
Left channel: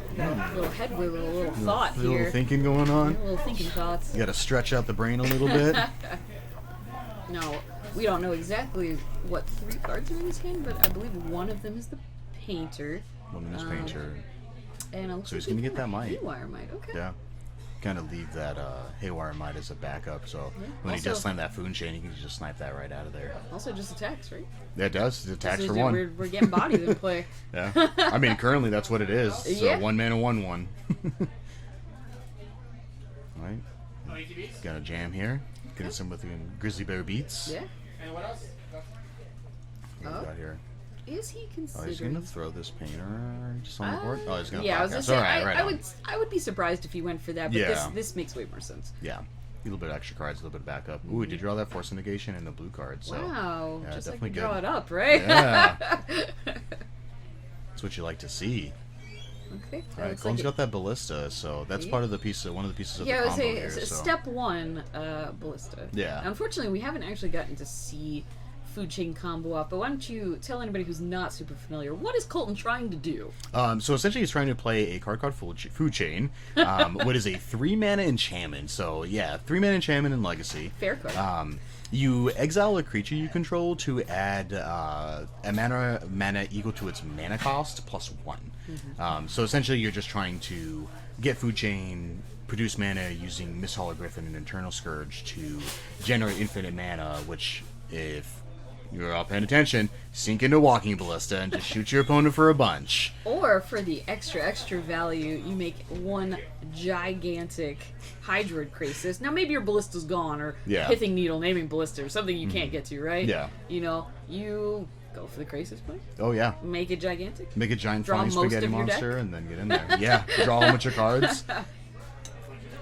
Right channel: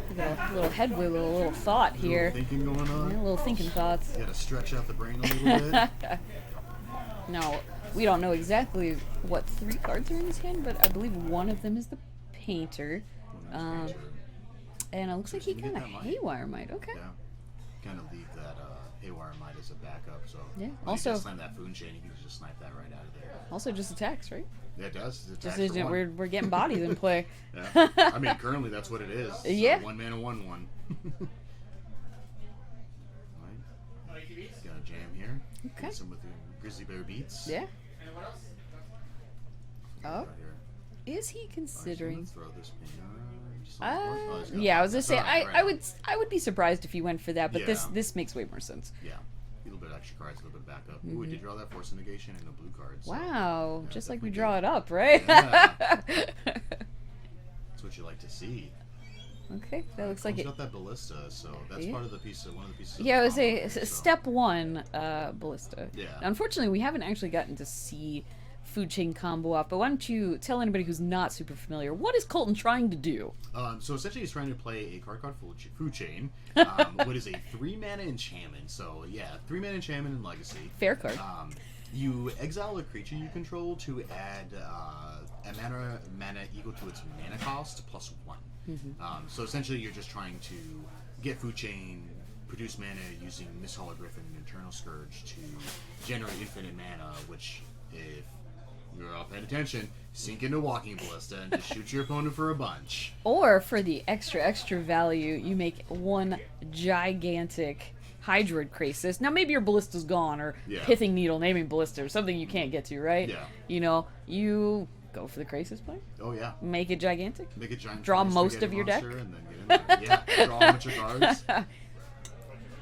head wiggle, a little thought here. A little thinking going on. A little thinking thoughts. You got to stretch out the brain a little bit. Now, we don't know exactly what 3 cards are in this hand, but I believe one of them is the Painter. One of them is Painter. And it looks so like he's going to get that Might. Haywire Might, okay. Yeah. Kind of leave that Haywire Might as a backup, so when he does slam that Food Chain, he can just snipe that right out of there. Also just attacks, right? Yeah, it does. It attacks for 1. We're getting bodies in play. Yeah. I mean, currently that's what it is. So 1 mana, 1/1. Alright. Got a jam here. Getting some with Grizzly Bear Beats. Yeah. And what else? Got here. Is he considering? He's gonna throw this Painter just on the board. Oh, he's gonna. Yeah, I was gonna say right, I would be surprised if he went for that, but this makes way more sense. Yeah, a little bit of extra cards, a little bit of backup. Ooh, he did draw that Force Negation and the blue card. So, wow, yeah, just like we good. draw it up, right? Yeah, that's what you like to see. Okay, that looks like got that Ballista, so that's part of the piece. One of the pieces. Yeah, of the it was step 1 Ballista. Yeah. Now, unfortunately, we haven't actually gotten to see food chain combo up, but why don't you tell anybody who's not super familiar, what is Colton trying to do? So essentially he's trying to play a card food chain, what is a 3-mana enchantment. So yeah, 3-mana enchantment in Legacy. Fair card. You exile a creature you control to add a mana equal to its mana cost plus 1. So essentially you're just trying to get food chain, produce mana using Misthal Griffin and Eternal Scourge to generate infinite mana, which, if you're all paying attention, sink into Walking Ballista and just shoot your opponent for a bunch. Or for the extra value, you make one gigantic Hydroid Krasis. Now maybe your Ballista's gone, or Pithing Needle naming Ballista, or something you can't get to, right? Yeah. You know, you go for the Krasis play. Oh yeah. Make it gigantic. Make a giant draw flying most spaghetti of your monster deck. and then get in there. Yeah, draw a bunch of cards.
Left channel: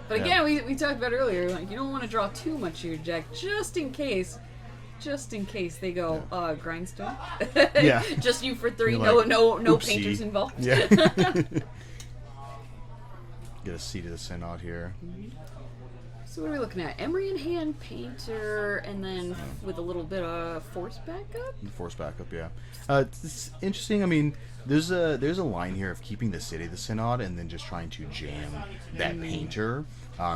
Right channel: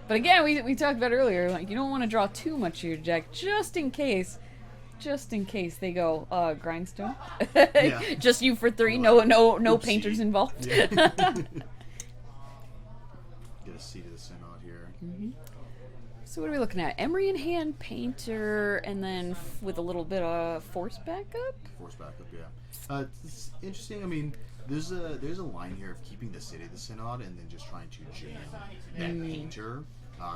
But again, we talked about earlier, like, you don't want to draw too much of your deck, just in case they go, Grindstone. Yeah. Just you for 3, You're no oopsie. painters involved. Yeah. Get a Seat of the Synod here. So what are we looking at? Emery in hand, Painter, and then with a little bit of Force backup? Force backup, yeah. It's interesting. I mean, there's a line here of keeping the City of the Synod and then just trying to jam that Painter.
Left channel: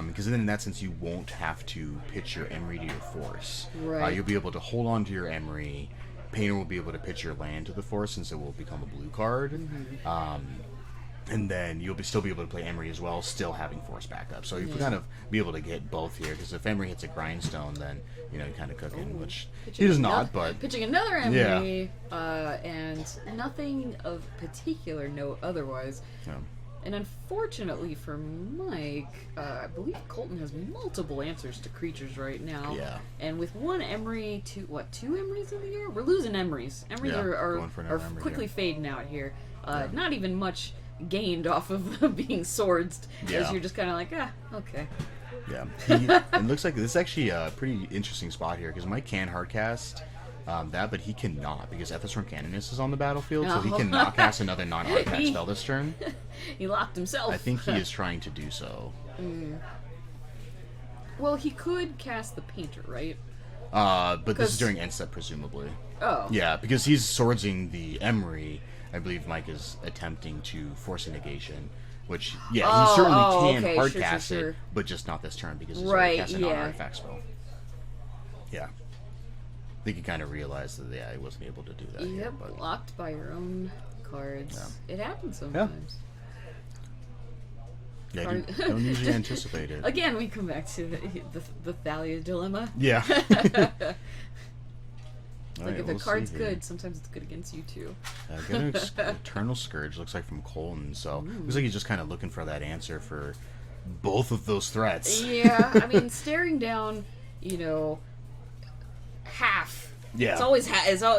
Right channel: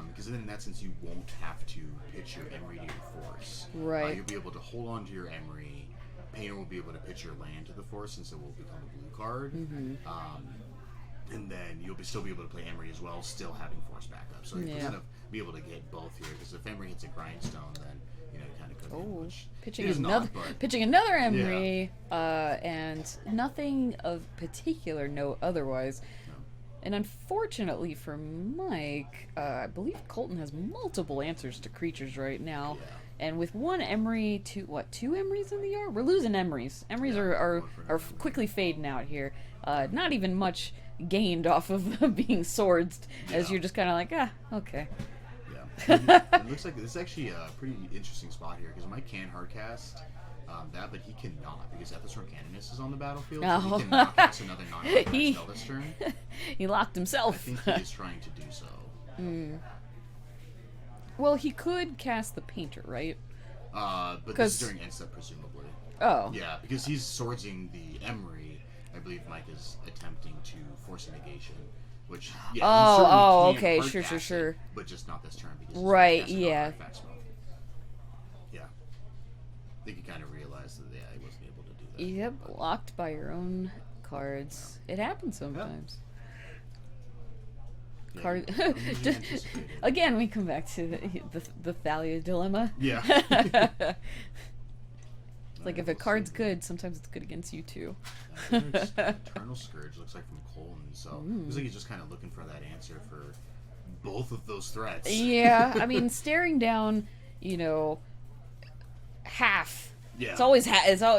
Because then in that sense you won't have to pitch your Emery to your Force. Right. You'll be able to hold on to your Emery. Painter will be able to pitch your land to the Force since it will become a blue card. And then you'll still be able to play Emery as well, still having Force backup. So you'll kind of be able to get both here, because if Emery hits a Grindstone, then you kind of cook in, which he does not. But pitching another Emery, and nothing of particular note otherwise. Yeah. And unfortunately for Mike, I believe Colton has multiple answers to creatures right now. Yeah. And with one Emery, two Emerys in the yard? We're losing Emerys. Emerys are going for an Emery quickly here. fading out here. Not even much gained off of being swords, as you're just kind of like, okay. Yeah. It looks like this is actually a pretty interesting spot here, because Mike can hardcast that, but he cannot, because Ethostorm Canonist is on the battlefield, so he cannot cast another non-hardcast spell this turn. He locked himself. I think he is trying to do so. Well, he could cast the Painter, right? But this is during end step, presumably. Oh. Yeah, because he's swordsing the Emery. I believe Mike is attempting to force a negation, which, he certainly can hardcast it, but just not this turn, because he's casting an artifact spell. Yeah. I think he kind of realized that, he wasn't able to do that. Yep, Yet, but blocked by your own cards. Yeah. It happens sometimes. Yeah, you don't usually anticipate it. Again, we come back to the Thalia dilemma. Yeah. Like, if a card's good, sometimes it's good against you too. Eternal Scourge looks like from Colton, so looks like he's just kind of looking for that answer for both of those threats. Yeah, I mean, staring down, half. Yeah. It's always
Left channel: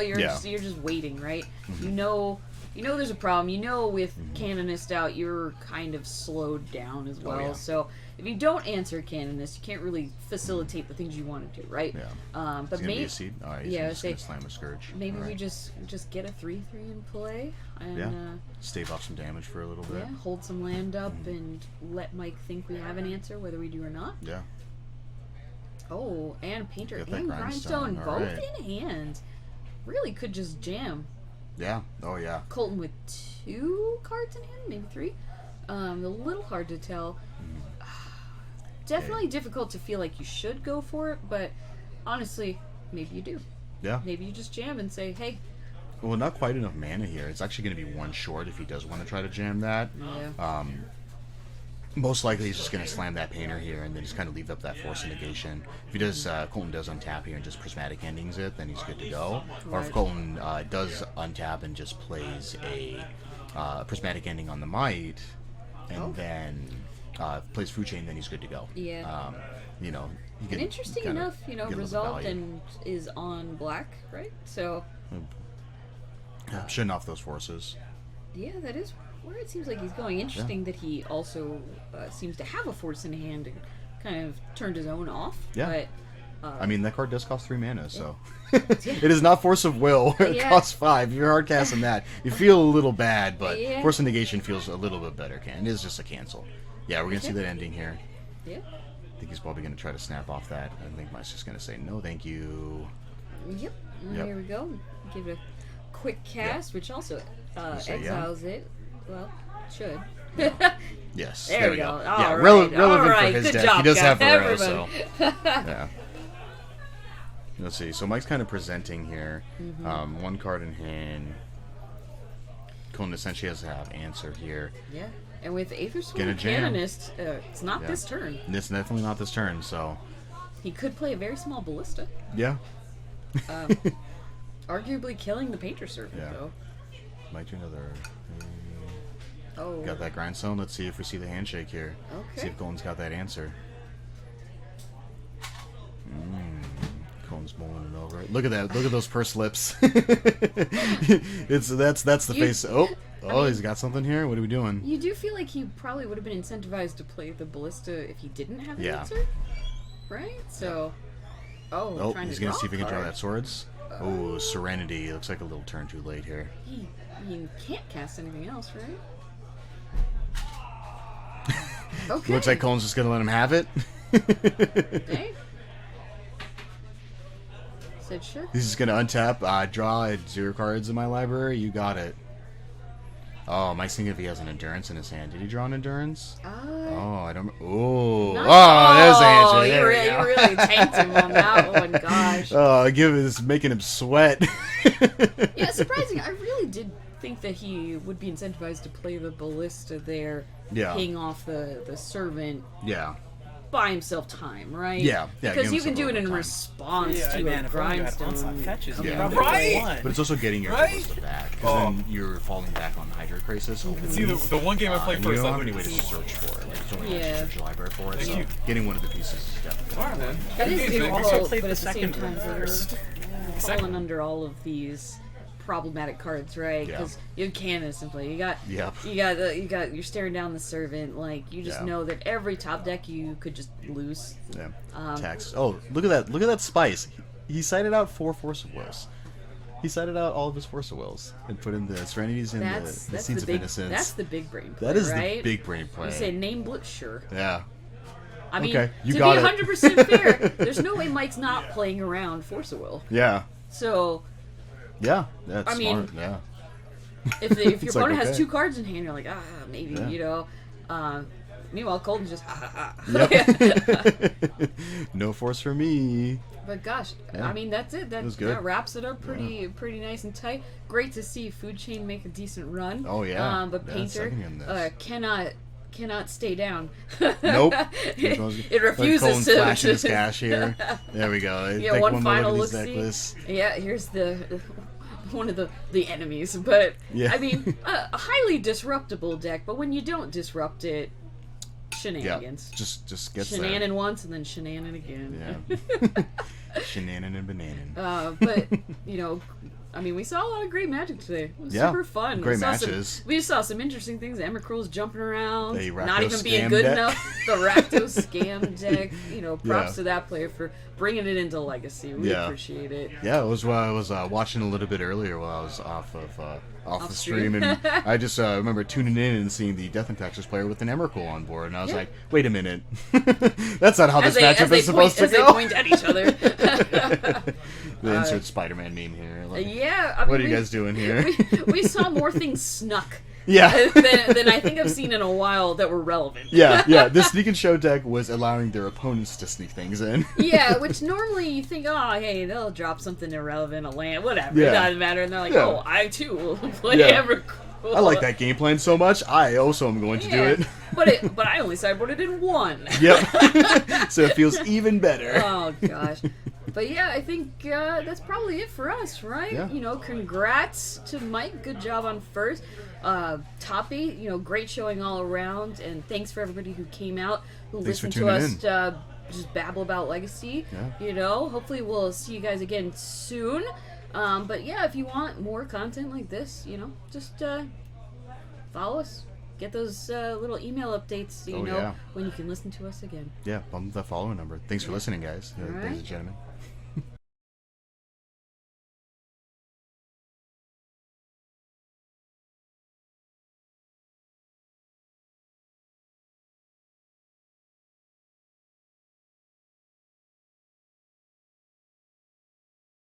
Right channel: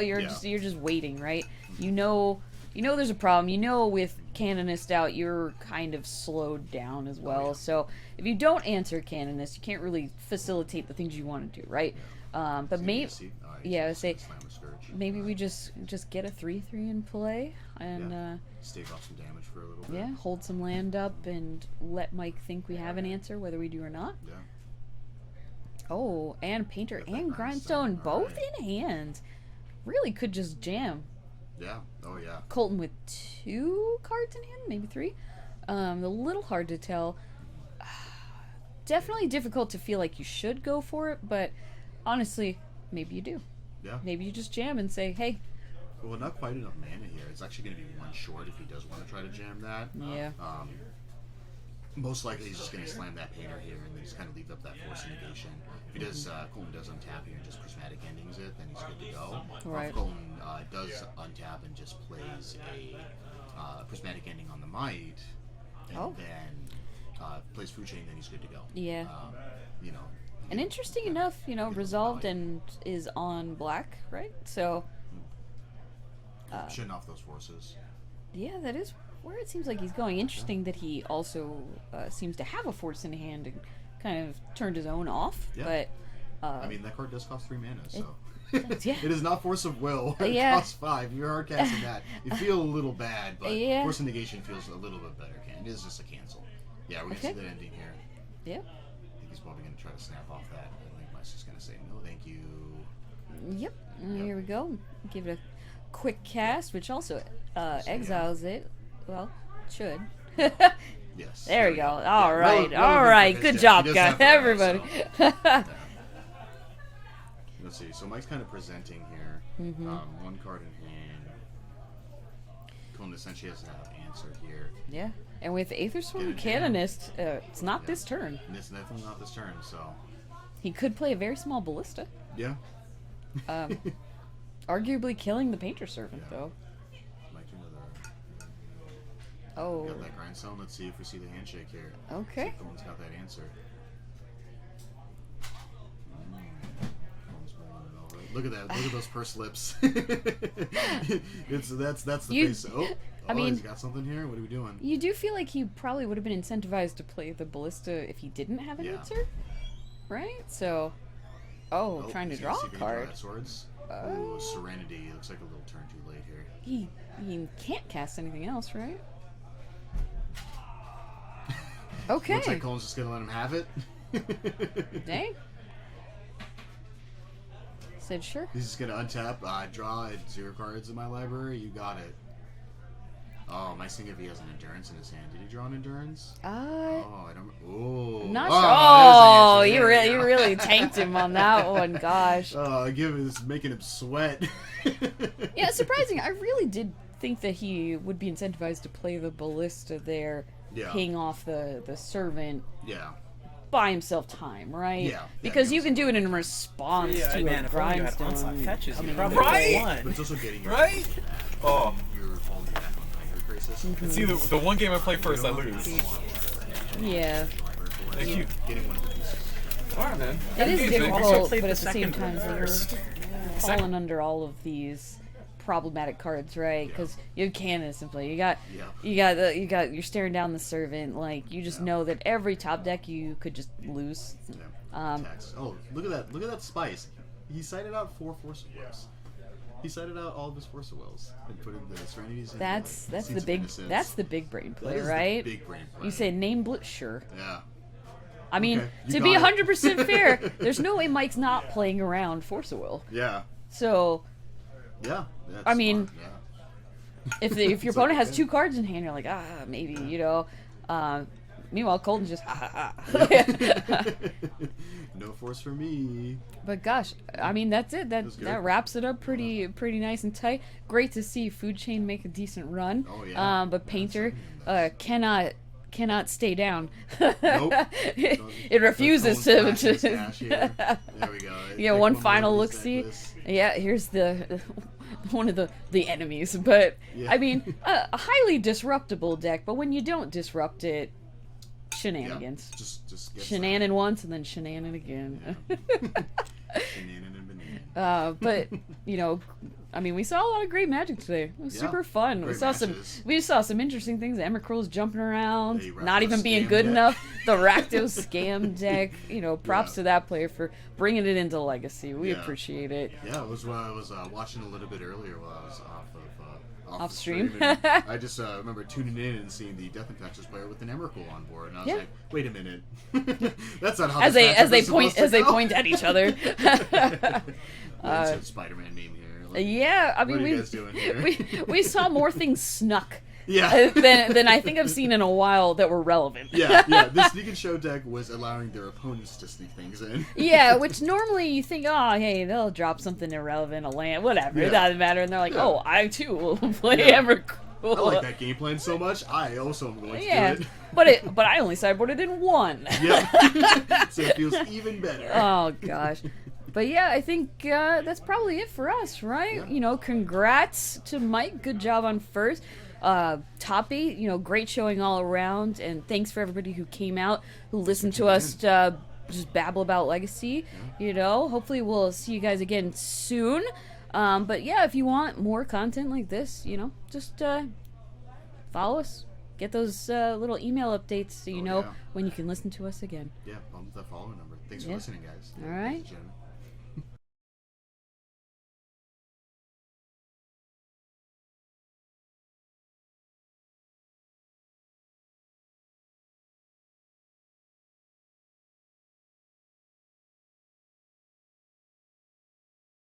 you're just waiting, right? You know there's a problem. With Canonist out, you're kind of slowed down as well. yeah. So if you don't answer Canonist, you can't really facilitate the things you want to do, right? Yeah. But maybe slam a Scourge. Maybe we just get a 3/3 in play and stave off some damage for a little bit. Yeah, hold some land up and let Mike think we have an answer, whether we do or not. Yeah. Oh, and Painter and Grindstone, Grindstone both in hand. Really could just jam. Yeah. Oh, yeah. Colton with 2 cards in hand, maybe 3. A little hard to tell. Definitely difficult to feel like you should go for it, but honestly, maybe you do. Yeah. Maybe you just jam and say, hey. Well, not quite enough mana here. It's actually going to be 1 short if he does want to try to jam that. Yeah. Most likely he's just going to slam that Painter here and then just kind of leave up that Force of Negation. If he does, Colton does untap here and just Prismatic Endings it, then he's good to go. Right. Or if Colton does untap and just plays a Prismatic Ending on the Might, and then plays Food Chain, then he's good to go. Yeah. And interesting enough, Resolved and is on black, right? So. Shutting off those forces. Yeah, that is where it seems like he's going. Interesting that he also seems to have a Force in hand and kind of turned his own off. Yeah. But I mean, that card does cost 3 mana, so it is not Force of Will. It costs 5. You're hard casting that. You feel a little bad, but Force of Negation feels a little bit better. It is just a cancel. Yeah, we're gonna see that ending here. Yeah. I think he's probably gonna try to snap off that. I think Mike's just gonna say no, thank you. Yep. Yep. Here we go. Give it a quick cast, which also exiles it. Well, should. Yes. There we go. All All right. relevant All for right. his Good deck. job, He does guys. have the rail, Everybody. so, yeah. Let's see. So Mike's kind of presenting here. One card in hand. Conan essentially has to have answer here. Yeah. And with Aethersworn Get a jam. Canonist, it's not this turn. It's definitely not this turn, so. He could play a very small ballista. Yeah. Arguably killing the Painter Servant, Yeah. though. Might do another. Oh. Got that grindstone. Let's see if we see the handshake here. Okay. See if Colin's got that answer. Colin's mulling it over. Look at that. Look at those pursed lips. That's the face. Oh, I mean, he's got something here. What are we doing? You do feel like he probably would have been incentivized to play the ballista if he didn't have an answer, right? So, trying he's to gonna draw see if he a can draw card. that swords. Oh, Serenity. Looks like a little turn too late here. He can't cast anything else, right? Okay. Looks like Colin's just gonna let him have it. Dang. Said sure. He's just gonna untap, draw 0 cards in my library. You got it. Oh, Mike's thinking if he has an endurance in his hand. Did he draw an endurance? Oh, I don't. Oh, Not, there's the answer. Oh, There you really tanked him on that one. Gosh. Oh, it's making him sweat. Yeah, surprising. I really did think that he would be incentivized to play the ballista there, paying off the servant. Yeah. Buy himself time, right? Yeah. Because you can do it in response to man, if only you had grindstone. onslaught fetches, you Yeah. probably won. But it's also getting your Right? back. Oh. Then you're falling back on Hydra Crisis. See, the one game I played first, I literally Yeah. Thank you. Getting one of the pieces. Alright, man. That is Games, good man. roll, Good but played at the same second time, one first. Falling under all of these problematic cards, right? Yeah. Because you have Canonist in play. You got Yep. you're staring down the servant. Like you just know that every top deck you could just lose. Yeah. Tax. Oh, look at that! Look at that spice. He cited out 4 Force of Wills. He cited out all of his Force of Wills and put in the Serenities and the Seeds of Innocence. That's the big brain play, That is right? the big brain play. You said name blitz, sure. Yeah. I mean, Okay, you to be got it. 100% fair, there's no way Mike's not playing around Force of Will. Yeah. So Yeah. That's I mean, smart. Yeah. if your It's opponent like, has okay. 2 cards in hand, you're like, maybe, Yeah. you know. Meanwhile, Colton's just, Yep. No force for me. But gosh, Yeah. I mean, that's it. was good. That wraps it up pretty nice and tight. Great to see Food Chain make a decent run. Oh, yeah. But Yeah, Painter second him this. cannot stay down. Nope. It refuses Colin's to. flashing his cash here. There we go. Yeah, Take one more final of look these see. necklace. Yeah, here's the one of the enemies. But Yeah. I mean, a highly disruptible deck. But when you don't disrupt it, Yeah. shenanigans. Just gets Shenanan once and then shenanan again. Yeah. Shenanan and bananan. But you know, I mean, we saw a lot of great Magic today. It was Yeah, super fun. great we saw matches. We just saw some interesting things. Emrakril's jumping around, The not Rakdos even being scam good deck. enough. The Rakdos scam deck. You know, props Yeah. to that player for bringing it into Legacy. We Yeah. appreciate it. Yeah, it was what I was watching a little bit earlier while I was off the stream, stream. and I just remember tuning in and seeing the Death and Taxes player with an Emrakul on board, and I was Yeah. like, wait a minute, that's not how As this they, matchup is supposed to as they go. point at each other. The insert Spider-Man meme here. Like, Yeah, I mean, what are you guys doing here? we saw more things snuck Yeah. than I think I've seen in a while that were relevant. Yeah. The Sneak and Show deck was allowing their opponents to sneak things in. Yeah, which normally you think, oh, hey, they'll drop something irrelevant, a land, whatever, it Yeah. doesn't matter. And they're like, Yeah. oh, I too will play Yeah. Evercool. I like that game plan so much. I also am going to Yeah, do it. but I only sideboarded in 1. Yep. So it feels even better. Oh gosh. But yeah, I think that's probably it for us, right? Yeah. You know, congrats to Mike. Good job on first. Top 8, you know, great showing all around. And thanks for everybody who came out, who Thanks for listened to tuning us in. just babble about Legacy. Yeah. You know, hopefully we'll see you guys again soon. But yeah, if you want more content like this, you know, just follow us. Get those little email updates so you know yeah. when you can listen to us again. Yeah, bump the following number. Thanks for listening, guys. All Ladies right. and gentlemen.